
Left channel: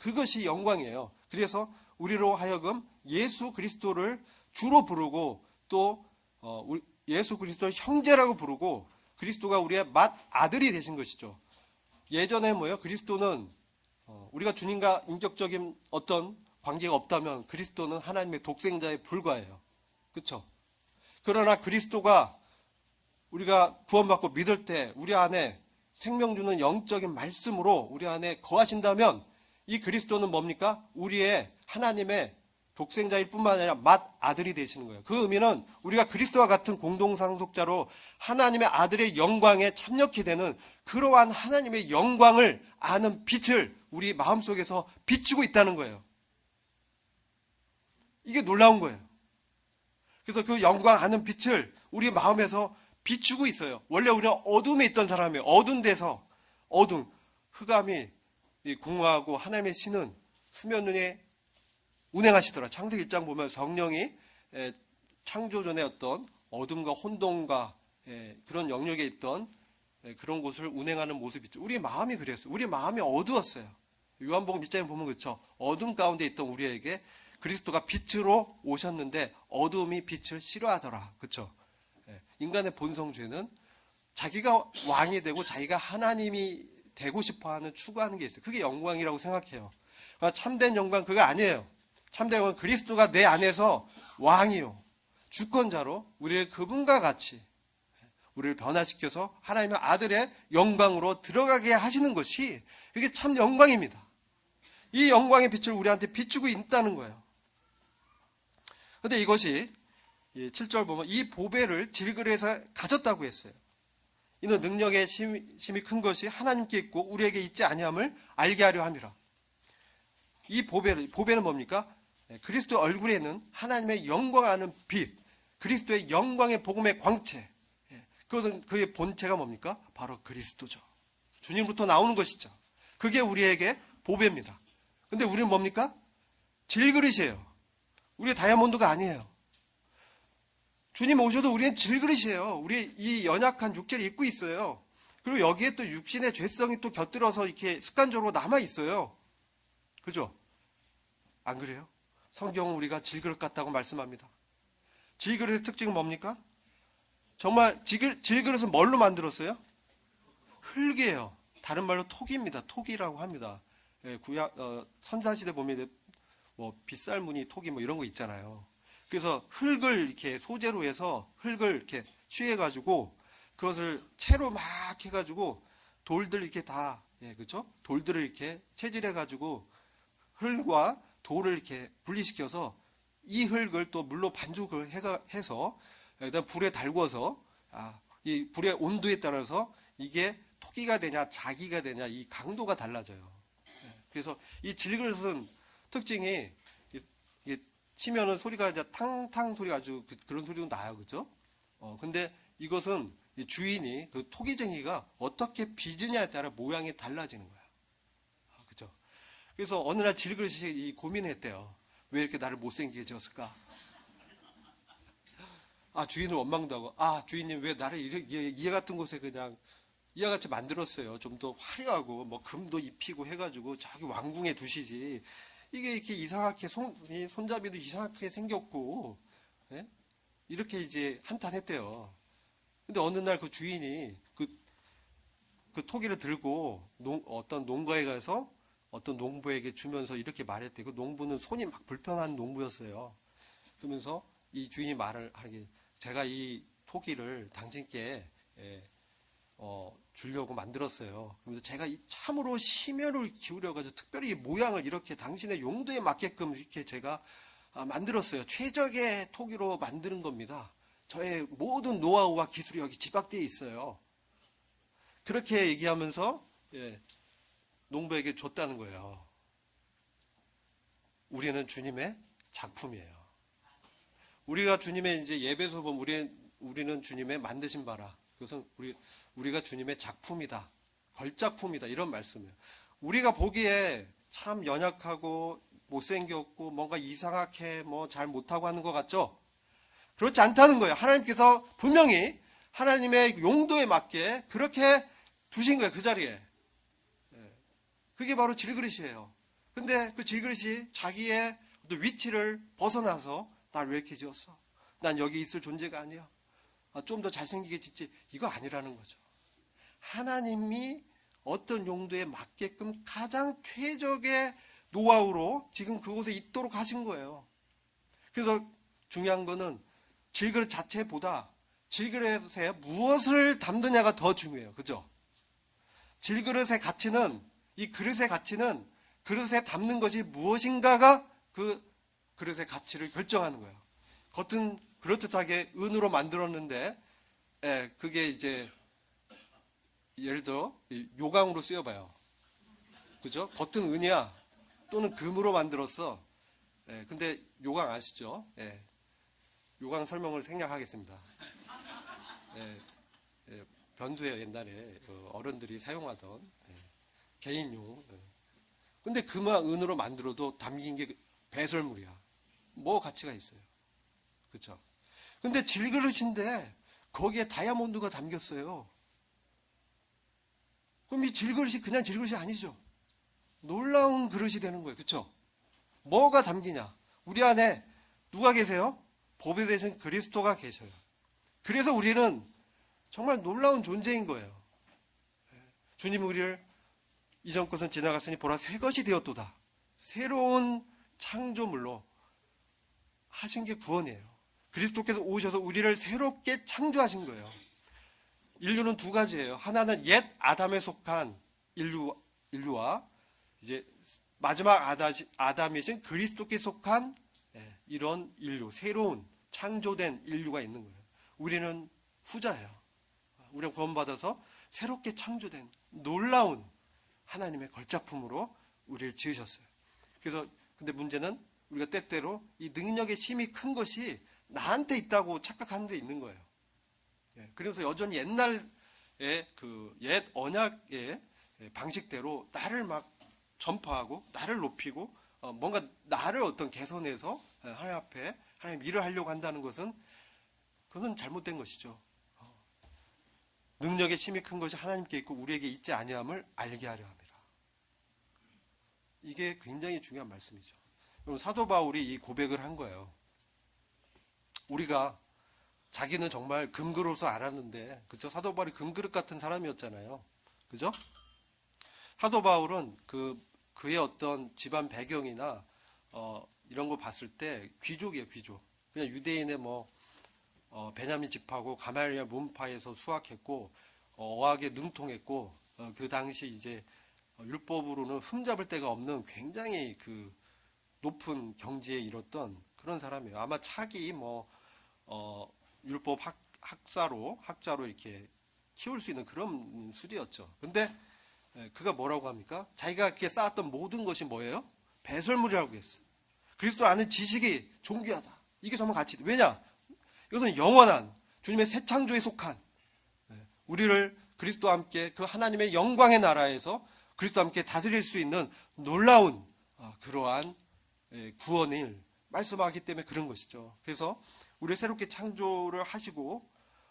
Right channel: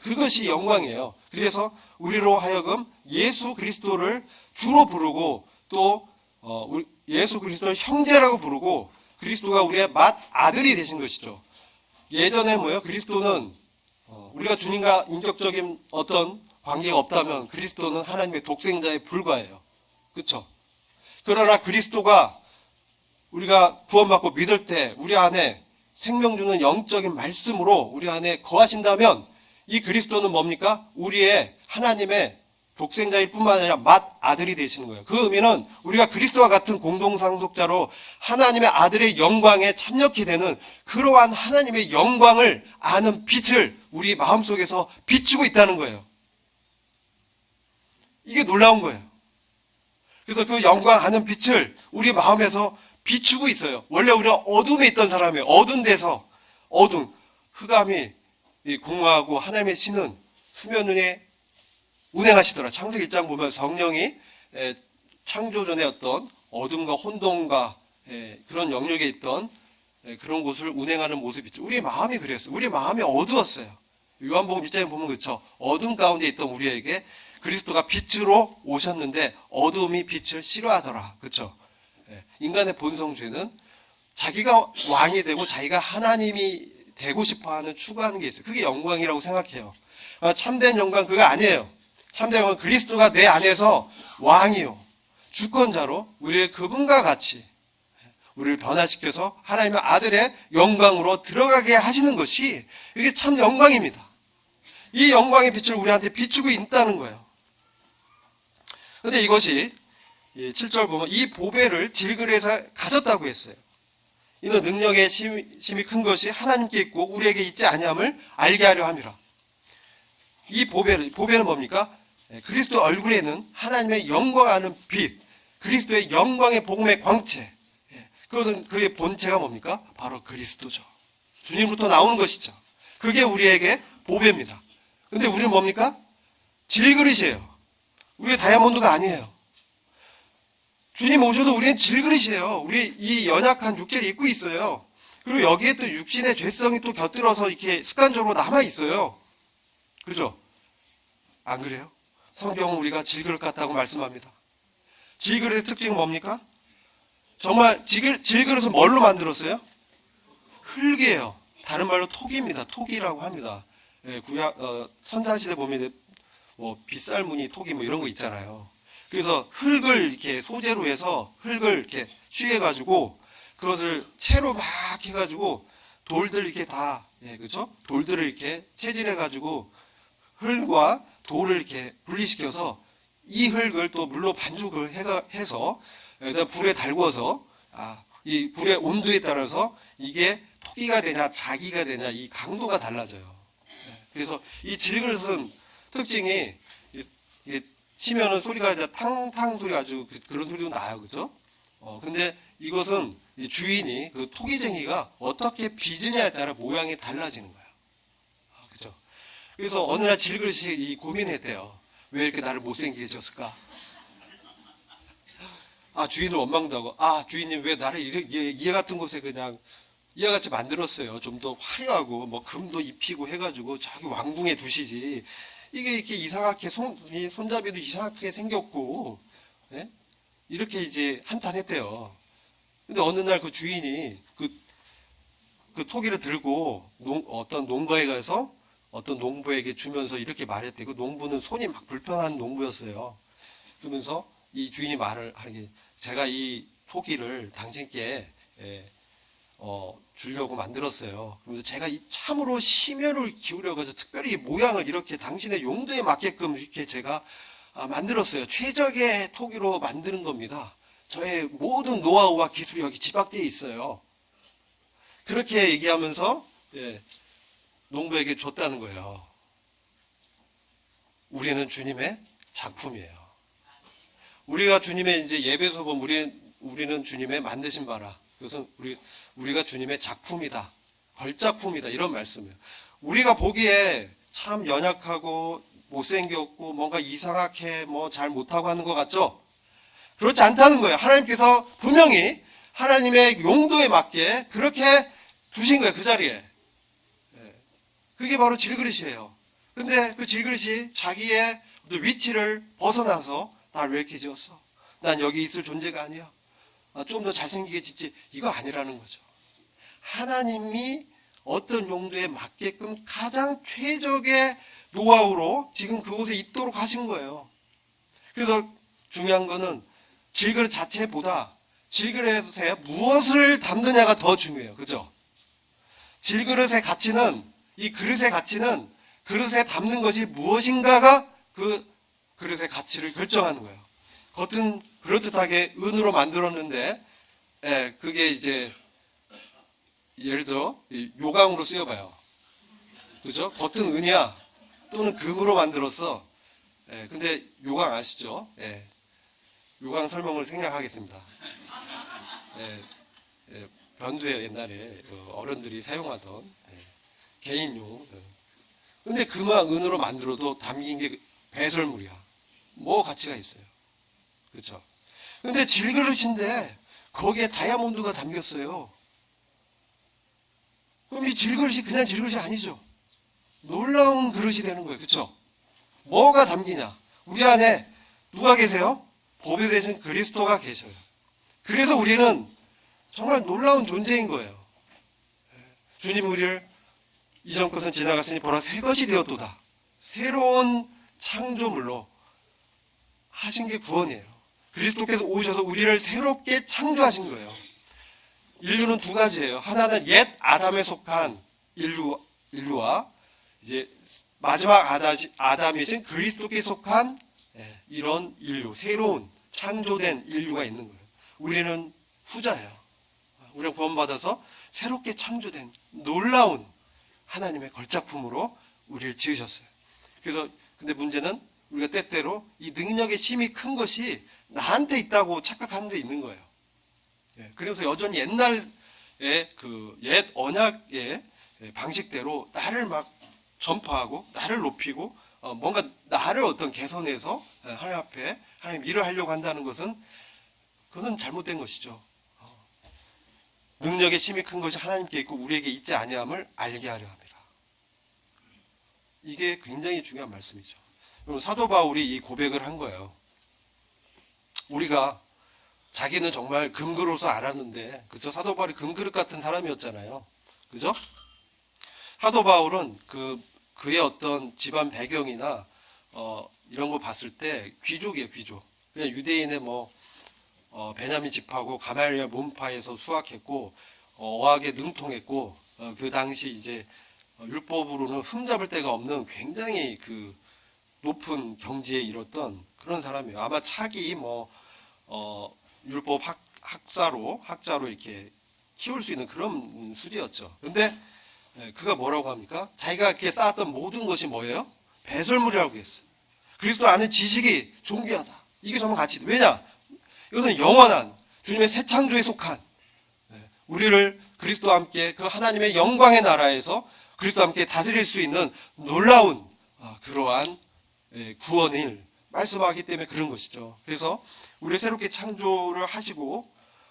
그것이 영광이에요. 그래서 우리로 하여금 예수 그리스도를 주로 부르고 또 예수 그리스도를 형제라고 부르고, 그리스도가 우리의 맏아들이 되신 것이죠. 예전에 뭐예요? 그리스도는 우리가 주님과 인격적인 어떤 관계가 없다면 그리스도는 하나님의 독생자에 불과해요. 그렇죠? 그러나 그리스도가 우리가 구원받고 믿을 때 우리 안에 생명 주는 영적인 말씀으로 우리 안에 거하신다면 이 그리스도는 뭡니까? 우리의 하나님의 독생자일 뿐만 아니라 맏아들이 되시는 거예요. 그 의미는 우리가 그리스도와 같은 공동상속자로 하나님의 아들의 영광에 참여케 되는 그러한 하나님의 영광을 아는 빛을 우리 마음속에서 비추고 있다는 거예요. 이게 놀라운 거예요. 그래서 그 영광 아는 빛을 우리 마음에서 비추고 있어요. 원래 우리는 어둠에 있던 사람이에요. 어두운 데서 어두운 흑암이 공허하고 하나님의 신은 수면 위에 운행하시더라. 창세기 1장 보면 성령이 창조 전에 어떤 어둠과 혼돈과 그런 영역에 있던 그런 곳을 운행하는 모습이죠. 우리의 마음이 그랬어요. 우리의 마음이 어두웠어요. 요한복음 1장에 보면 그렇죠. 어둠 가운데 있던 우리에게 그리스도가 빛으로 오셨는데 어둠이 빛을 싫어하더라. 그렇죠. 인간의 본성죄는 자기가 왕이 되고 자기가 하나님이 되고 싶어하는 추구하는 게 있어요. 그게 영광이라고 생각해요. 참된 영광 그거 아니에요. 참된 영광은 그리스도가 내 안에서 왕이요 주권자로 우리를 그분과 같이 우리를 변화시켜서 하나님의 아들의 영광으로 들어가게 하시는 것이 이게 참 영광입니다. 이 영광의 빛을 우리한테 비추고 있다는 거예요. 그런데 이것이 7절 보면 이 보배를 질그릇에서 가졌다고 했어요. 이는 능력의 심이 큰 것이 하나님께 있고 우리에게 있지 아니함을 알게 하려 함이라. 이 보배는 뭡니까? 그리스도 얼굴에는 하나님의 영광하는 빛, 그리스도의 영광의 복음의 광채. 그것은 그의 본체가 뭡니까? 바로 그리스도죠. 주님으로부터 나오는 것이죠. 그게 우리에게 보배입니다. 근데 우리는 뭡니까? 질그릇이에요. 우리의 다이아몬드가 아니에요. 주님 오셔서 우리는 질그릇이에요. 우리 이 연약한 육체를 입고 있어요. 그리고 여기에 또 육신의 죄성이 또 곁들어서 이렇게 습관적으로 남아 있어요. 그죠? 안 그래요? 성경은 우리가 질그릇 같다고 말씀합니다. 질그릇의 특징은 뭡니까? 정말 질그릇은 뭘로 만들었어요? 흙이에요. 다른 말로 토기입니다. 토기라고 합니다. 구약 선사시대 보면 뭐 빗살무늬 토기 뭐 이런 거 있잖아요. 그래서 흙을 이렇게 소재로 해서 흙을 이렇게 취해가지고 그것을 채로 막 해가지고 돌들 이렇게 다 그렇죠? 돌들을 이렇게 채질해가지고 흙과 돌을 이렇게 분리시켜서 이 흙을 또 물로 반죽을 해서 여기다 불에 달궈서 이 불의 온도에 따라서 이게 토기가 되냐 자기가 되냐 이 강도가 달라져요. 그래서 이 질그릇은 특징이 치면은 소리가 이제 탕탕 소리가 아주 그런 소리도 나요, 그죠? 근데 이것은 이 주인이 그 토기쟁이가 어떻게 빚으냐에 따라 모양이 달라지는 거예요. 그죠? 그래서 어느 날 질그릇이 이 고민했대요. 왜 이렇게 나를 못생기게 해줬을까? 주인을 원망도 하고, 주인님 왜 나를 이해 같은 곳에 그냥 이와같이 만들었어요. 좀 더 화려하고 뭐 금도 입히고 해가지고 저기 왕궁에 두시지. 이게 이렇게 이상하게 손잡이도 이상하게 생겼고, 이렇게 이제 한탄했대요. 근데 어느 날 그 주인이 그 토기를 들고 어떤 농가에 가서 어떤 농부에게 주면서 이렇게 말했대. 그 농부는 손이 막 불편한 농부였어요. 그러면서 이 주인이 말을 하니 제가 이 토기를 당신께 주려고 만들었어요. 그래서 제가 이 참으로 심혈을 기울여가지고 특별히 모양을 이렇게 당신의 용도에 맞게끔 이렇게 제가 만들었어요. 최적의 토기로 만드는 겁니다. 저의 모든 노하우와 기술이 여기 집약되어 있어요. 그렇게 얘기하면서 농부에게 줬다는 거예요. 우리는 주님의 작품이에요. 우리가 주님의 이제 예배소 보면 우리는 주님의 만드신 바라. 그것은 우리가 주님의 작품이다. 걸작품이다. 이런 말씀이에요. 우리가 보기에 참 연약하고 못생겼고 뭔가 이상하게 뭐 잘 못하고 하는 것 같죠? 그렇지 않다는 거예요. 하나님께서 분명히 하나님의 용도에 맞게 그렇게 두신 거예요. 그 자리에. 그게 바로 질그릇이에요. 근데 그 질그릇이 자기의 위치를 벗어나서 날 왜 이렇게 지었어? 난 여기 있을 존재가 아니야. 좀 더 잘생기게 짓지. 이거 아니라는 거죠. 하나님이 어떤 용도에 맞게끔 가장 최적의 노하우로 지금 그곳에 있도록 하신 거예요. 그래서 중요한 거는 질그릇 자체보다 질그릇에 무엇을 담느냐가 더 중요해요. 그죠? 질그릇의 가치는 이 그릇의 가치는 그릇에 담는 것이 무엇인가가 그 그릇의 가치를 결정하는 거예요. 겉은 그럴듯하게 은으로 만들었는데, 그게 이제 예를 들어 요강으로 쓰여봐요. 그죠? 겉은 은이야 또는 금으로 만들었어. 근데 요강 아시죠? 요강 설명을 생략하겠습니다. 예, 변두에 옛날에 어른들이 사용하던 개인용. 근데 금화 은으로 만들어도 담긴 게 배설물이야. 뭐 가치가 있어요. 그렇죠? 근데 질그릇인데 거기에 다이아몬드가 담겼어요. 그럼 이 질그릇이 그냥 질그릇이 아니죠. 놀라운 그릇이 되는 거예요. 그렇죠? 뭐가 담기냐? 우리 안에 누가 계세요? 보배 되신 그리스도가 계셔요. 그래서 우리는 정말 놀라운 존재인 거예요. 주님 우리를 이전 것은 지나갔으니 보라 새 것이 되었도다. 새로운 창조물로 하신 게 구원이에요. 그리스도께서 오셔서 우리를 새롭게 창조하신 거예요. 인류는 두 가지예요. 하나는 옛 아담에 속한 인류와 이제 마지막 아담이신 그리스도께 속한 이런 인류, 새로운 창조된 인류가 있는 거예요. 우리는 후자예요. 우리가 구원받아서 새롭게 창조된 놀라운 하나님의 걸작품으로 우리를 지으셨어요. 그래서 근데 문제는 우리가 때때로 이 능력의 힘이 큰 것이 나한테 있다고 착각하는 데 있는 거예요. 그래서 여전히 옛날의 그 옛 언약의 방식대로 나를 막 전파하고 나를 높이고 뭔가 나를 어떤 개선해서 하나님 앞에 하나님 일을 하려고 한다는 것은 그건 잘못된 것이죠. 능력의 힘이 큰 것이 하나님께 있고 우리에게 있지 아니함을 알게 하려 합니다. 이게 굉장히 중요한 말씀이죠. 그럼 사도 바울이 이 고백을 한 거예요. 우리가 자기는 정말 금그릇으로 알았는데, 그죠? 사도 바울이 금그릇 같은 사람이었잖아요. 그죠? 사도 바울은 그의 어떤 집안 배경이나 이런 거 봤을 때 귀족이에요, 귀족. 그냥 유대인의 베냐민 집하고 가말리엘 문파에서 수학했고 어학에 능통했고 그 당시 이제 율법으로는 흠잡을 데가 없는 굉장히 그 높은 경지에 이뤘던 그런 사람이에요. 아마 차기 율법 학자로 이렇게 키울 수 있는 그런 수리였죠. 근데 그가 뭐라고 합니까? 자기가 이렇게 쌓았던 모든 것이 뭐예요? 배설물이라고 했어요. 그리스도 안에 지식이 존귀하다. 이게 정말 가치. 왜냐? 이것은 영원한 주님의 새 창조에 속한 우리를 그리스도와 함께 그 하나님의 영광의 나라에서 그리스도와 함께 다스릴 수 있는 놀라운 그러한 구원을 말씀하기 때문에 그런 것이죠. 그래서 우리 새롭게 창조를 하시고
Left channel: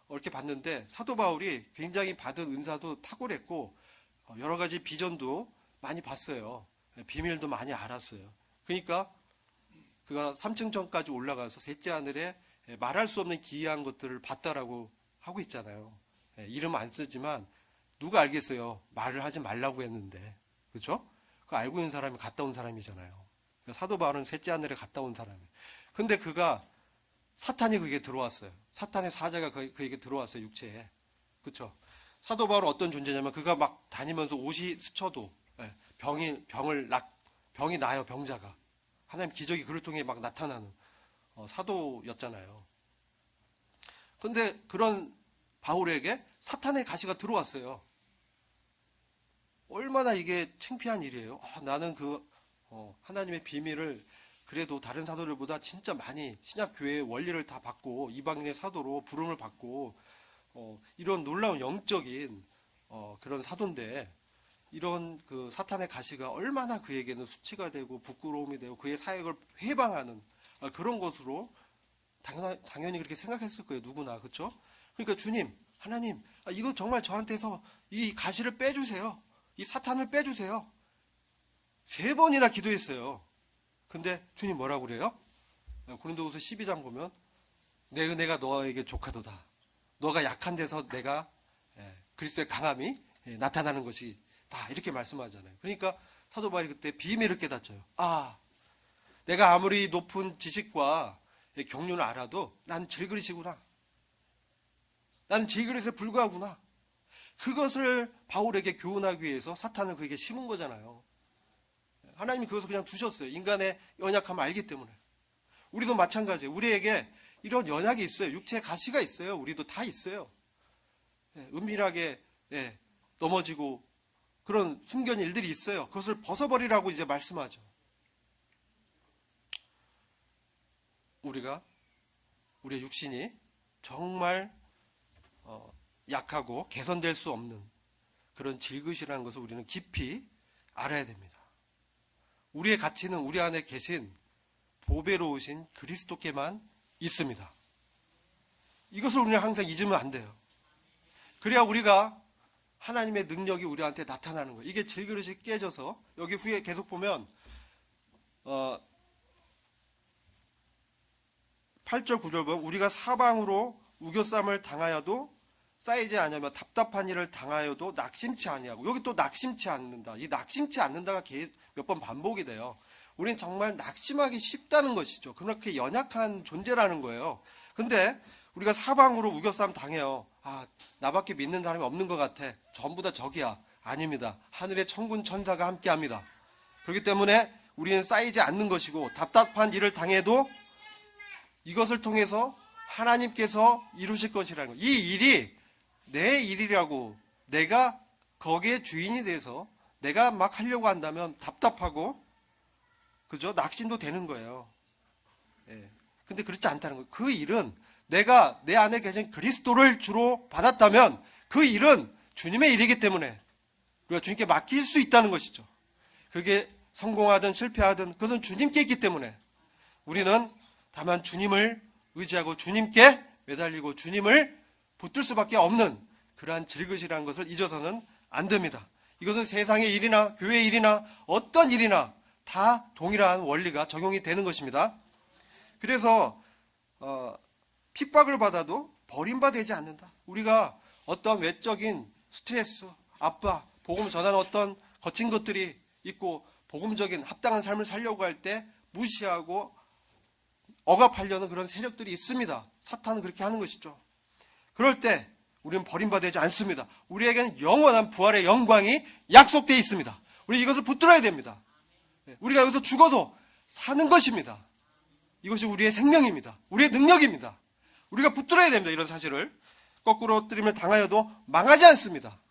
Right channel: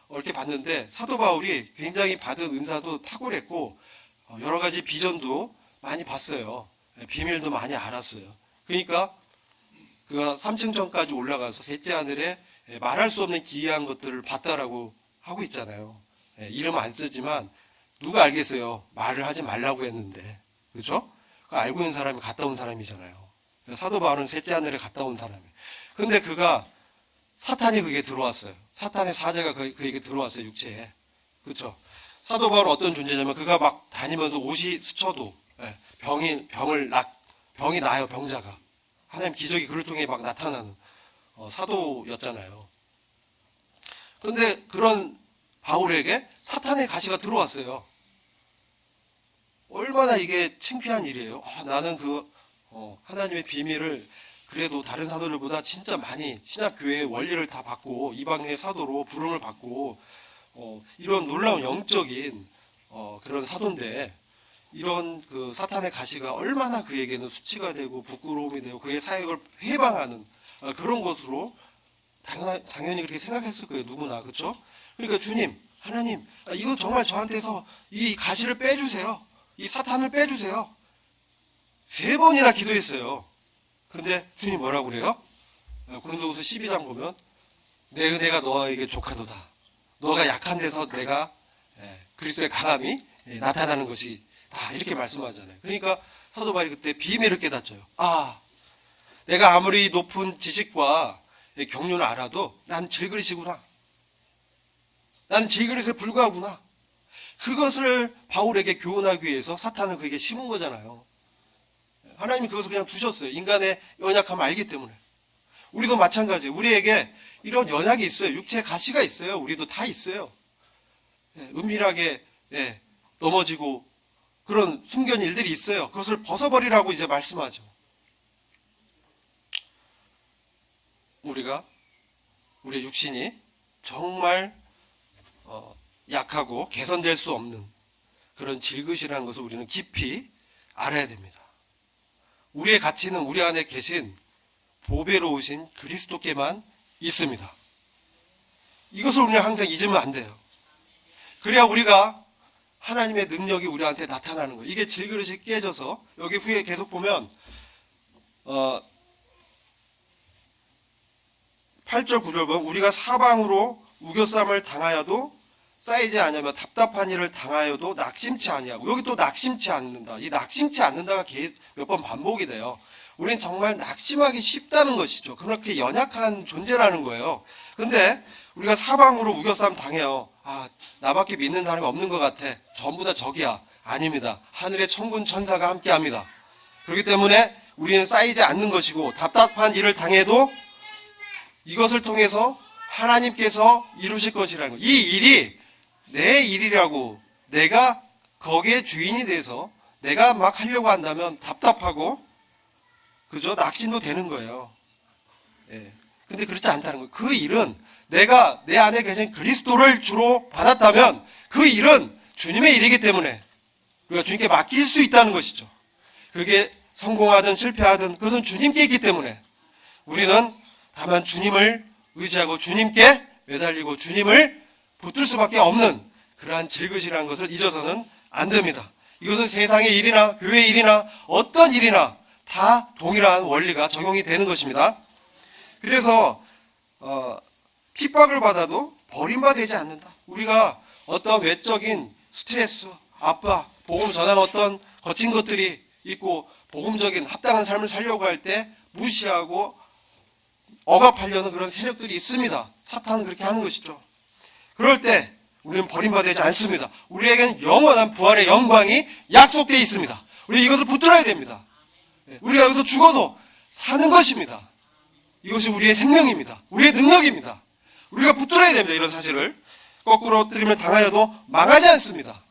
이렇게 봤는데 사도 바울이 굉장히 받은 은사도 탁월했고 여러 가지 비전도 많이 봤어요. 비밀도 많이 알았어요. 그러니까 그가 3층전까지 올라가서 셋째 하늘에 말할 수 없는 기이한 것들을 봤다라고 하고 있잖아요. 이름 안 쓰지만 누가 알겠어요. 말을 하지 말라고 했는데. 그렇죠? 그 알고 있는 사람이 갔다 온 사람이잖아요. 사도 바울은 셋째 하늘에 갔다 온 사람이에요. 근데 사탄이 그게 들어왔어요. 사탄의 사제가 그에게 들어왔어요. 육체에. 그렇죠? 사도 바울은 어떤 존재냐면 그가 막 다니면서 옷이 스쳐도 병이 나요. 병자가. 하나님 기적이 그를 통해 막 나타나는 사도였잖아요. 그런데 그런 바울에게 사탄의 가시가 들어왔어요. 얼마나 이게 창피한 일이에요. 나는 하나님의 비밀을 그래도 다른 사도들보다 진짜 많이 신약교회의 원리를 다 받고 이방의 사도로 부름을 받고 이런 놀라운 영적인 그런 사도인데 이런 그 사탄의 가시가 얼마나 그에게는 수치가 되고 부끄러움이 되고 그의 사역을 해방하는 그런 것으로 당연히 그렇게 생각했을 거예요. 누구나. 그렇죠? 그러니까 주님, 하나님, 이거 정말 저한테서 이 가시를 빼주세요. 이 사탄을 빼주세요. 3번이나 기도했어요. 근데 주님 뭐라고 그래요? 고린도후서 12장 보면 내 은혜가 너에게 족하도다. 너가 약한 데서 내가 그리스도의 강함이 나타나는 것이 다 이렇게 말씀하잖아요. 그러니까 사도 바울이 그때 비밀을 깨닫죠. 내가 아무리 높은 지식과 경륜을 알아도 난 질그릇이구나. 난 질그릇에 불과하구나. 그것을 바울에게 교훈하기 위해서 사탄을 그에게 심은 거잖아요. 하나님이 그것을 그냥 두셨어요. 인간의 연약함을 알기 때문에. 우리도 마찬가지예요. 우리에게 이런 연약이 있어요. 육체의 가시가 있어요. 우리도 다 있어요. 은밀하게 넘어지고 그런 숨겨진 일들이 있어요. 그것을 벗어버리라고 이제 말씀하죠. 우리의 육신이 정말 약하고 개선될 수 없는 그런 질그시라는 것을 우리는 깊이 알아야 됩니다. 우리의 가치는 우리 안에 계신 보배로우신 그리스도께만 있습니다. 이것을 우리는 항상 잊으면 안 돼요. 그래야 우리가 하나님의 능력이 우리한테 나타나는 거예요. 이게 질그릇이 깨져서 여기 후에 계속 보면 8절 9절 보면 우리가 사방으로 우겨쌈을 당하여도 쌓이지 않으며 답답한 일을 당하여도 낙심치 아니하고, 여기 또 낙심치 않는다. 이 낙심치 않는다가 몇 번 반복이 돼요. 우리는 정말 낙심하기 쉽다는 것이죠. 그렇게 연약한 존재라는 거예요. 근데 우리가 사방으로 우겨쌈 당해요. 나밖에 믿는 사람이 없는 것 같아. 전부 다 적이야. 아닙니다. 하늘의 천군 천사가 함께합니다. 그렇기 때문에 우리는 쌓이지 않는 것이고, 답답한 일을 당해도 이것을 통해서 하나님께서 이루실 것이라는 거예요. 이 일이 내 일이라고 내가 거기에 주인이 돼서 내가 막 하려고 한다면 답답하고, 그죠? 낙심도 되는 거예요. 근데 그렇지 않다는 거예요. 그 일은 내가 내 안에 계신 그리스도를 주로 받았다면 그 일은 주님의 일이기 때문에 우리가 주님께 맡길 수 있다는 것이죠. 그게 성공하든 실패하든 그것은 주님께 있기 때문에 우리는 다만 주님을 의지하고 주님께 매달리고 주님을 붙들 수밖에 없는 그러한 질그시라는 것을 잊어서는 안 됩니다. 이것은 세상의 일이나 교회의 일이나 어떤 일이나 다 동일한 원리가 적용이 되는 것입니다. 그래서 핍박을 받아도 버림받지 않는다. 우리가 어떤 외적인 스트레스, 압박, 복음 전한 어떤 거친 것들이 있고 복음적인 합당한 삶을 살려고 할 때 무시하고 억압하려는 그런 세력들이 있습니다. 사탄은 그렇게 하는 것이죠. 그럴 때 우리는 버림받지 않습니다. 우리에겐 영원한 부활의 영광이 약속되어 있습니다. 우리 이것을 붙들어야 됩니다. 우리가 여기서 죽어도 사는 것입니다. 이것이 우리의 생명입니다. 우리의 능력입니다. 우리가 붙들어야 됩니다. 이런 사실을. 거꾸로 뜨림을 당하여도 망하지 않습니다.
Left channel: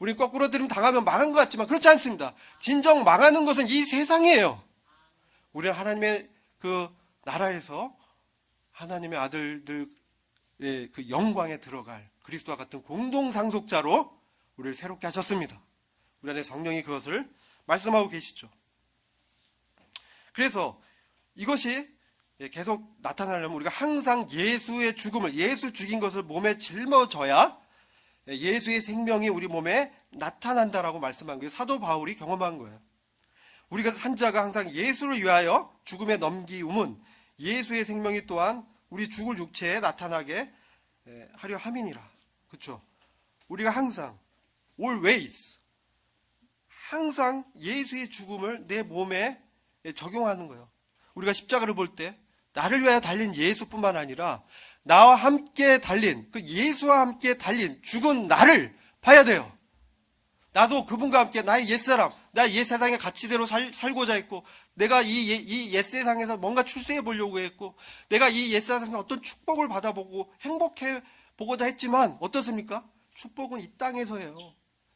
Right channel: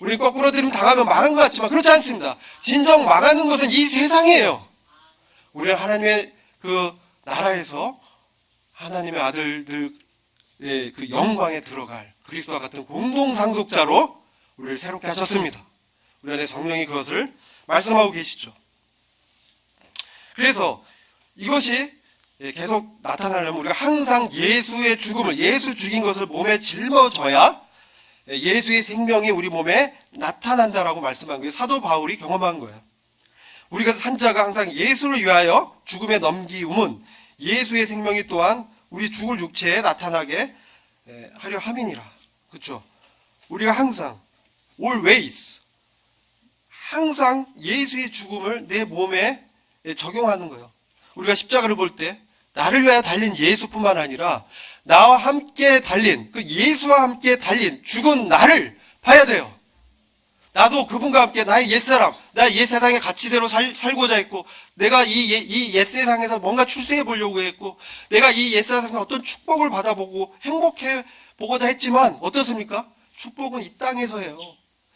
우리 거꾸로 뜨림 당하면 망한 것 같지만 그렇지 않습니다. 진정 망하는 것은 이 세상이에요. 우리는 하나님의 그 나라에서 하나님의 아들들의 그 영광에 들어갈 그리스도와 같은 공동 상속자로 우리를 새롭게 하셨습니다. 우리 안에 성령이 그것을 말씀하고 계시죠. 그래서 이것이 계속 나타나려면 우리가 항상 예수의 죽음을, 예수 죽인 것을 몸에 짊어져야 예수의 생명이 우리 몸에 나타난다라고 말씀한 거예요. 사도 바울이 경험한 거예요. 우리가 산자가 항상 예수를 위하여 죽음에 넘기움은 예수의 생명이 또한 우리 죽을 육체에 나타나게 하려 함이니라. 그렇죠? 우리가 항상 always 항상 예수의 죽음을 내 몸에 적용하는 거예요. 우리가 십자가를 볼 때 나를 위하여 달린 예수뿐만 아니라 나와 함께 달린, 그 예수와 함께 달린 죽은 나를 봐야 돼요. 나도 그분과 함께 나의 옛사람, 나 옛세상의 가치대로 살고자 했고, 내가 이 옛세상에서 뭔가 출세해 보려고 했고, 내가 이 옛세상에서 어떤 축복을 받아보고 행복해 보고자 했지만 어떻습니까? 축복은 이 땅에서 해요.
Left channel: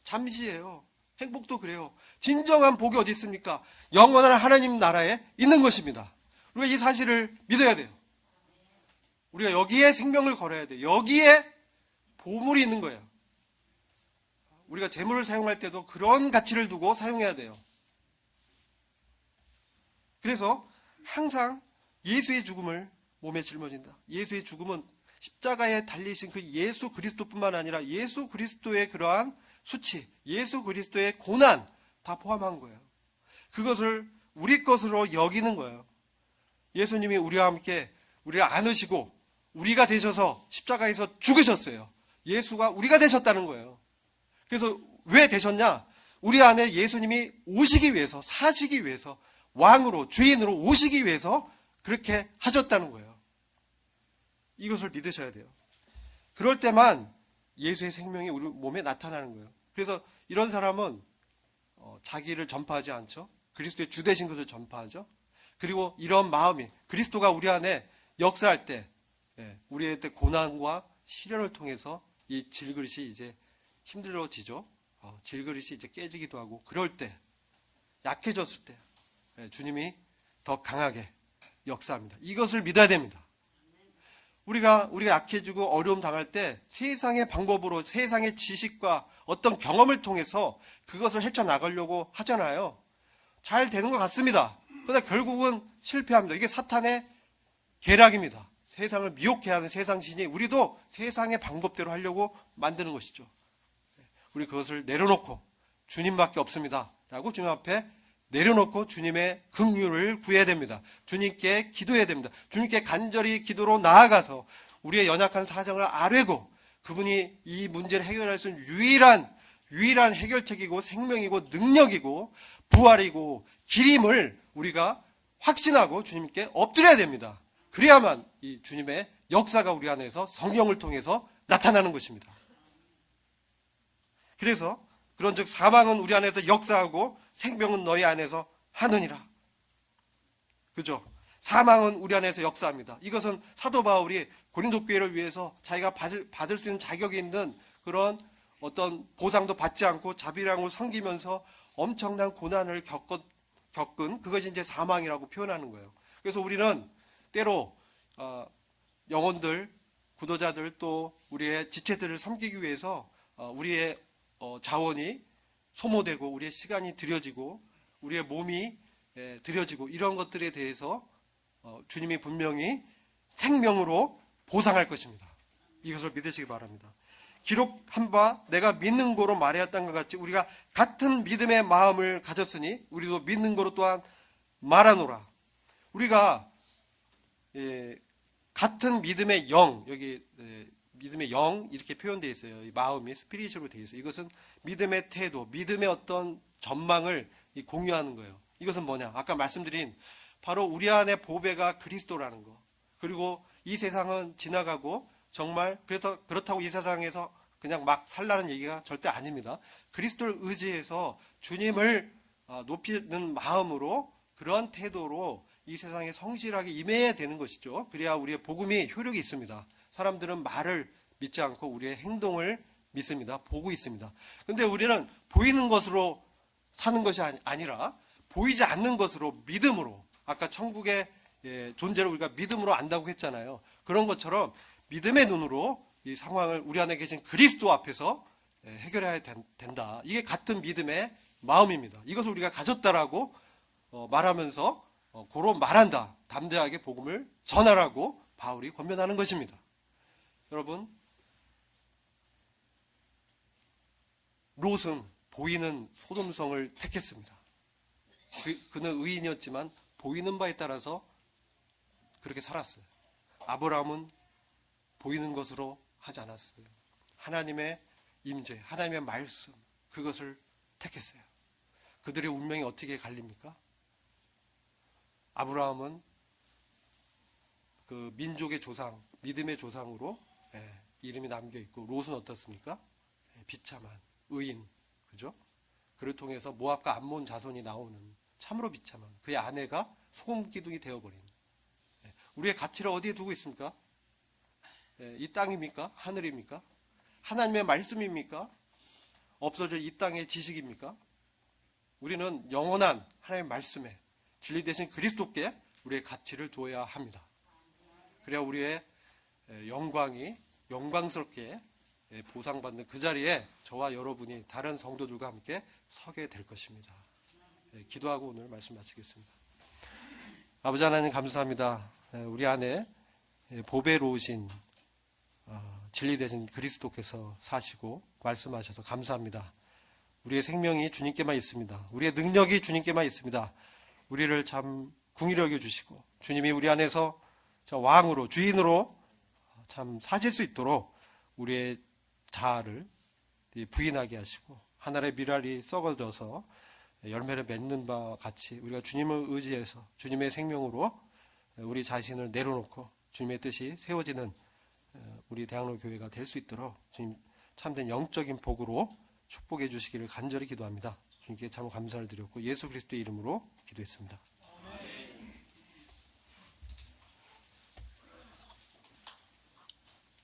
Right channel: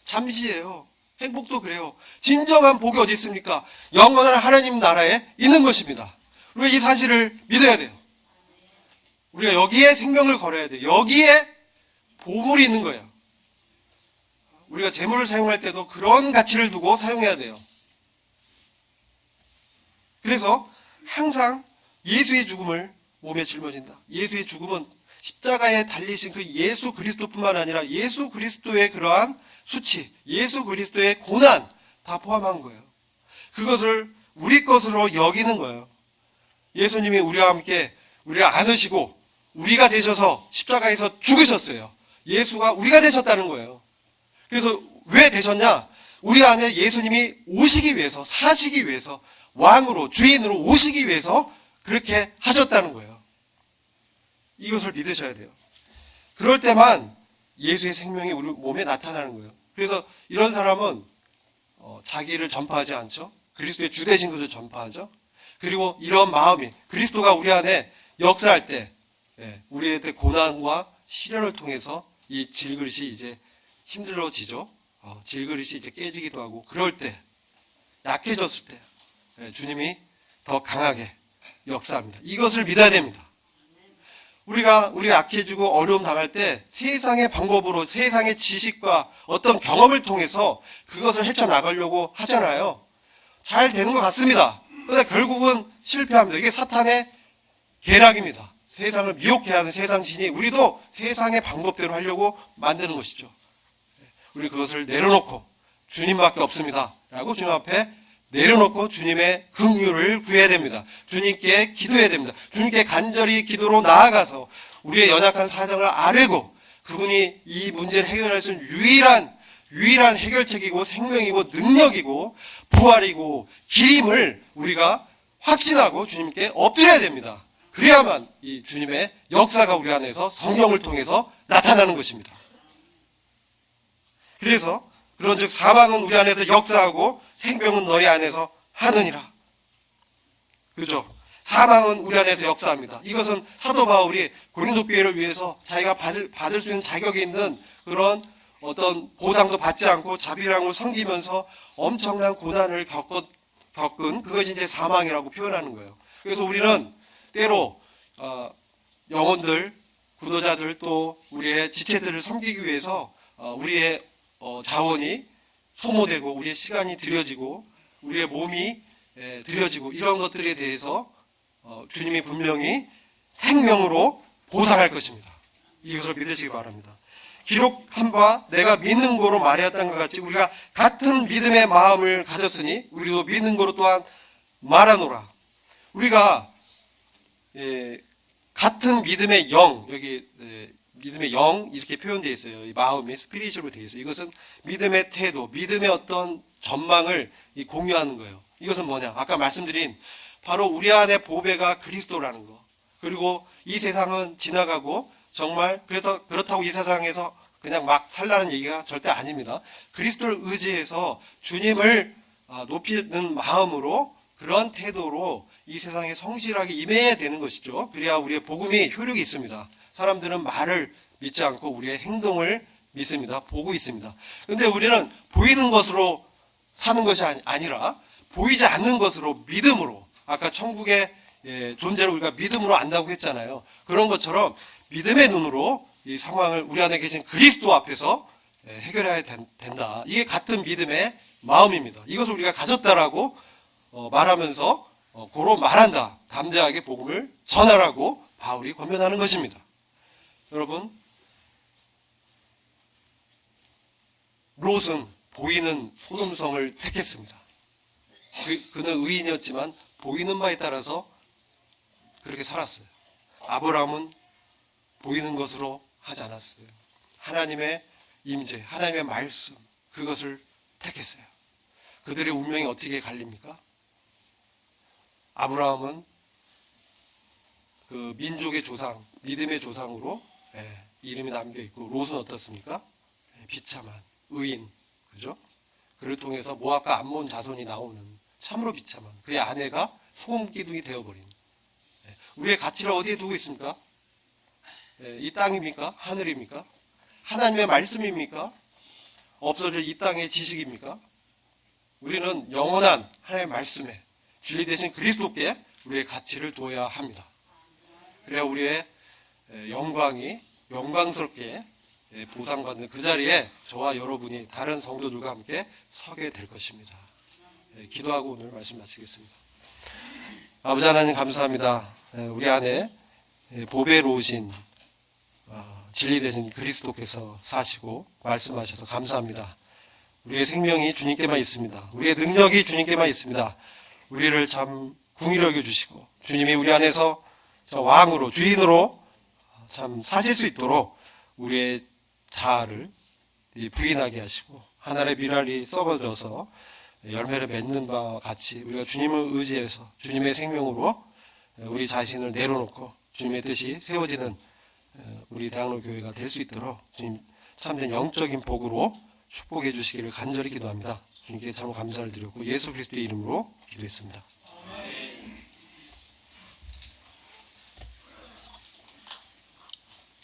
잠시예요. 행복도 그래요. 진정한 복이 어디 있습니까? 영원한 하나님 나라에 있는 것입니다. 우리가 이 사실을 믿어야 돼요. 우리가 여기에 생명을 걸어야 돼요. 여기에 보물이 있는 거예요. 우리가 재물을 사용할 때도 그런 가치를 두고 사용해야 돼요. 그래서 항상 예수의 죽음을 몸에 짊어진다. 예수의 죽음은 십자가에 달리신 그 예수 그리스도뿐만 아니라 예수 그리스도의 그러한 수치, 예수 그리스도의 고난 다 포함한 거예요. 그것을 우리 것으로 여기는 거예요. 예수님이 우리와 함께 우리를 안으시고 우리가 되셔서 십자가에서 죽으셨어요. 예수가 우리가 되셨다는 거예요. 그래서 왜 되셨냐? 우리 안에 예수님이 오시기 위해서, 사시기 위해서, 왕으로, 주인으로 오시기 위해서 그렇게 하셨다는 거예요. 이것을 믿으셔야 돼요. 그럴 때만 예수의 생명이 우리 몸에 나타나는 거예요. 그래서 이런 사람은 자기를 전파하지 않죠. 그리스도의 주되신 것을 전파하죠. 그리고 이런 마음이 그리스도가 우리 안에 역사할 때 우리의 고난과 시련을 통해서 이 질그릇이 이제 힘들어지죠. 질그릇이 이제 깨지기도 하고 그럴 때 약해졌을 때 주님이 더 강하게 역사합니다. 이것을 믿어야 됩니다. 우리가 약해지고 어려움 당할 때 세상의 방법으로 세상의 지식과 어떤 경험을 통해서 그것을 헤쳐나가려고 하잖아요. 잘 되는 것 같습니다. 그런데 결국은 실패합니다. 이게 사탄의 계략입니다. 세상을 미혹해 하는 세상 신이 우리도 세상의 방법대로 하려고 만드는 것이죠. 우리 그것을 내려놓고 주님밖에 없습니다 라고 주님 앞에 내려놓고 주님의 긍휼을 구해야 됩니다. 주님께 기도해야 됩니다. 주님께 간절히 기도로 나아가서 우리의 연약한 사정을 아뢰고 그분이 이 문제를 해결할 수 있는 유일한 해결책이고 생명이고 능력이고 부활이고 길임을 우리가 확신하고 주님께 엎드려야 됩니다. 그래야만 이 주님의 역사가 우리 안에서 성령을 통해서 나타나는 것입니다. 그래서 그런즉 사망은 우리 안에서 역사하고 생명은 너희 안에서 하느니라. 그죠? 사망은 우리 안에서 역사합니다. 이것은 사도 바울이 고린도 교회를 위해서 자기가 받을 수 있는 자격이 있는 그런 어떤 보상도 받지 않고 자비랑을 섬기면서 엄청난 고난을 겪은 그것이 이제 사망이라고 표현하는 거예요. 그래서 우리는 때로 영혼들, 구도자들 또 우리의 지체들을 섬기기 위해서 우리의 자원이 소모되고 우리의 시간이 들여지고 우리의 몸이 들여지고 이런 것들에 대해서 주님이 분명히 생명으로 보상할 것입니다. 이것을 믿으시기 바랍니다. 기록한 바 내가 믿는 거로 말하였다는 것 같이 우리가 같은 믿음의 마음을 가졌으니 우리도 믿는 거로 또한 말하노라. 우리가 같은 믿음의 영, 여기 믿음의 영 이렇게 표현되어 있어요. 이 마음이 스피리추얼로 되어 있어요. 이것은 믿음의 태도, 믿음의 어떤 전망을 공유하는 거예요. 이것은 뭐냐? 아까 말씀드린 바로 우리 안에 보배가 그리스도라는 거. 그리고 이 세상은 지나가고 정말 그렇다고 이 세상에서 그냥 막 살라는 얘기가 절대 아닙니다. 그리스도를 의지해서 주님을 높이는 마음으로 그런 태도로 이 세상에 성실하게 임해야 되는 것이죠. 그래야 우리의 복음이 효력이 있습니다. 사람들은 말을 믿지 않고 우리의 행동을 믿습니다. 보고 있습니다. 그런데 우리는 보이는 것으로 사는 것이 아니라 보이지 않는 것으로 믿음으로 아까 천국의 존재를 우리가 믿음으로 안다고 했잖아요. 그런 것처럼 믿음의 눈으로 이 상황을 우리 안에 계신 그리스도 앞에서 해결해야 된다. 이게 같은 믿음의 마음입니다. 이것을 우리가 가졌다라고 말하면서 고로 말한다. 담대하게 복음을 전하라고 바울이 권면하는 것입니다. 여러분, 롯은 보이는 소돔성을 택했습니다. 그는 의인이었지만 보이는 바에 따라서 그렇게 살았어요. 아브라함은 보이는 것으로 하지 않았어요. 하나님의 임재, 하나님의 말씀, 그것을 택했어요. 그들의 운명이 어떻게 갈립니까? 아브라함은 그 민족의 조상, 믿음의 조상으로 이름이 남겨 있고 롯은 어떻습니까? 비참한 의인, 그죠? 그를 통해서 모압과 암몬 자손이 나오는 참으로 비참한 그의 아내가 소금 기둥이 되어버린. 우리의 가치를 어디에 두고 있습니까? 이 땅입니까? 하늘입니까? 하나님의 말씀입니까? 없어질 이 땅의 지식입니까? 우리는 영원한 하나님의 말씀에 진리 대신 그리스도께 우리의 가치를 두어야 합니다. 그래야 우리의 영광이 영광스럽게 보상받는 그 자리에 저와 여러분이 다른 성도들과 함께 서게 될 것입니다. 기도하고 오늘 말씀 마치겠습니다. 아버지 하나님 감사합니다. 우리 안에 보배로우신 진리 되신 그리스도께서 사시고 말씀하셔서 감사합니다. 우리의 생명이 주님께만 있습니다. 우리의 능력이 주님께만 있습니다. 우리를 참 궁히 여겨주시고 주님이 우리 안에서 왕으로 주인으로 참 사실 수 있도록 우리의 자아를 부인하게 하시고 하늘의 미랄이 썩어져서 열매를 맺는 바와 같이 우리가 주님을 의지해서 주님의 생명으로 우리 자신을 내려놓고 주님의 뜻이 세워지는 우리 대학로 교회가 될 수 있도록 주님 참된 영적인 복으로 축복해 주시기를 간절히 기도합니다. 주님께 참 감사를 드렸고 예수 그리스도의 이름으로 기도했습니다.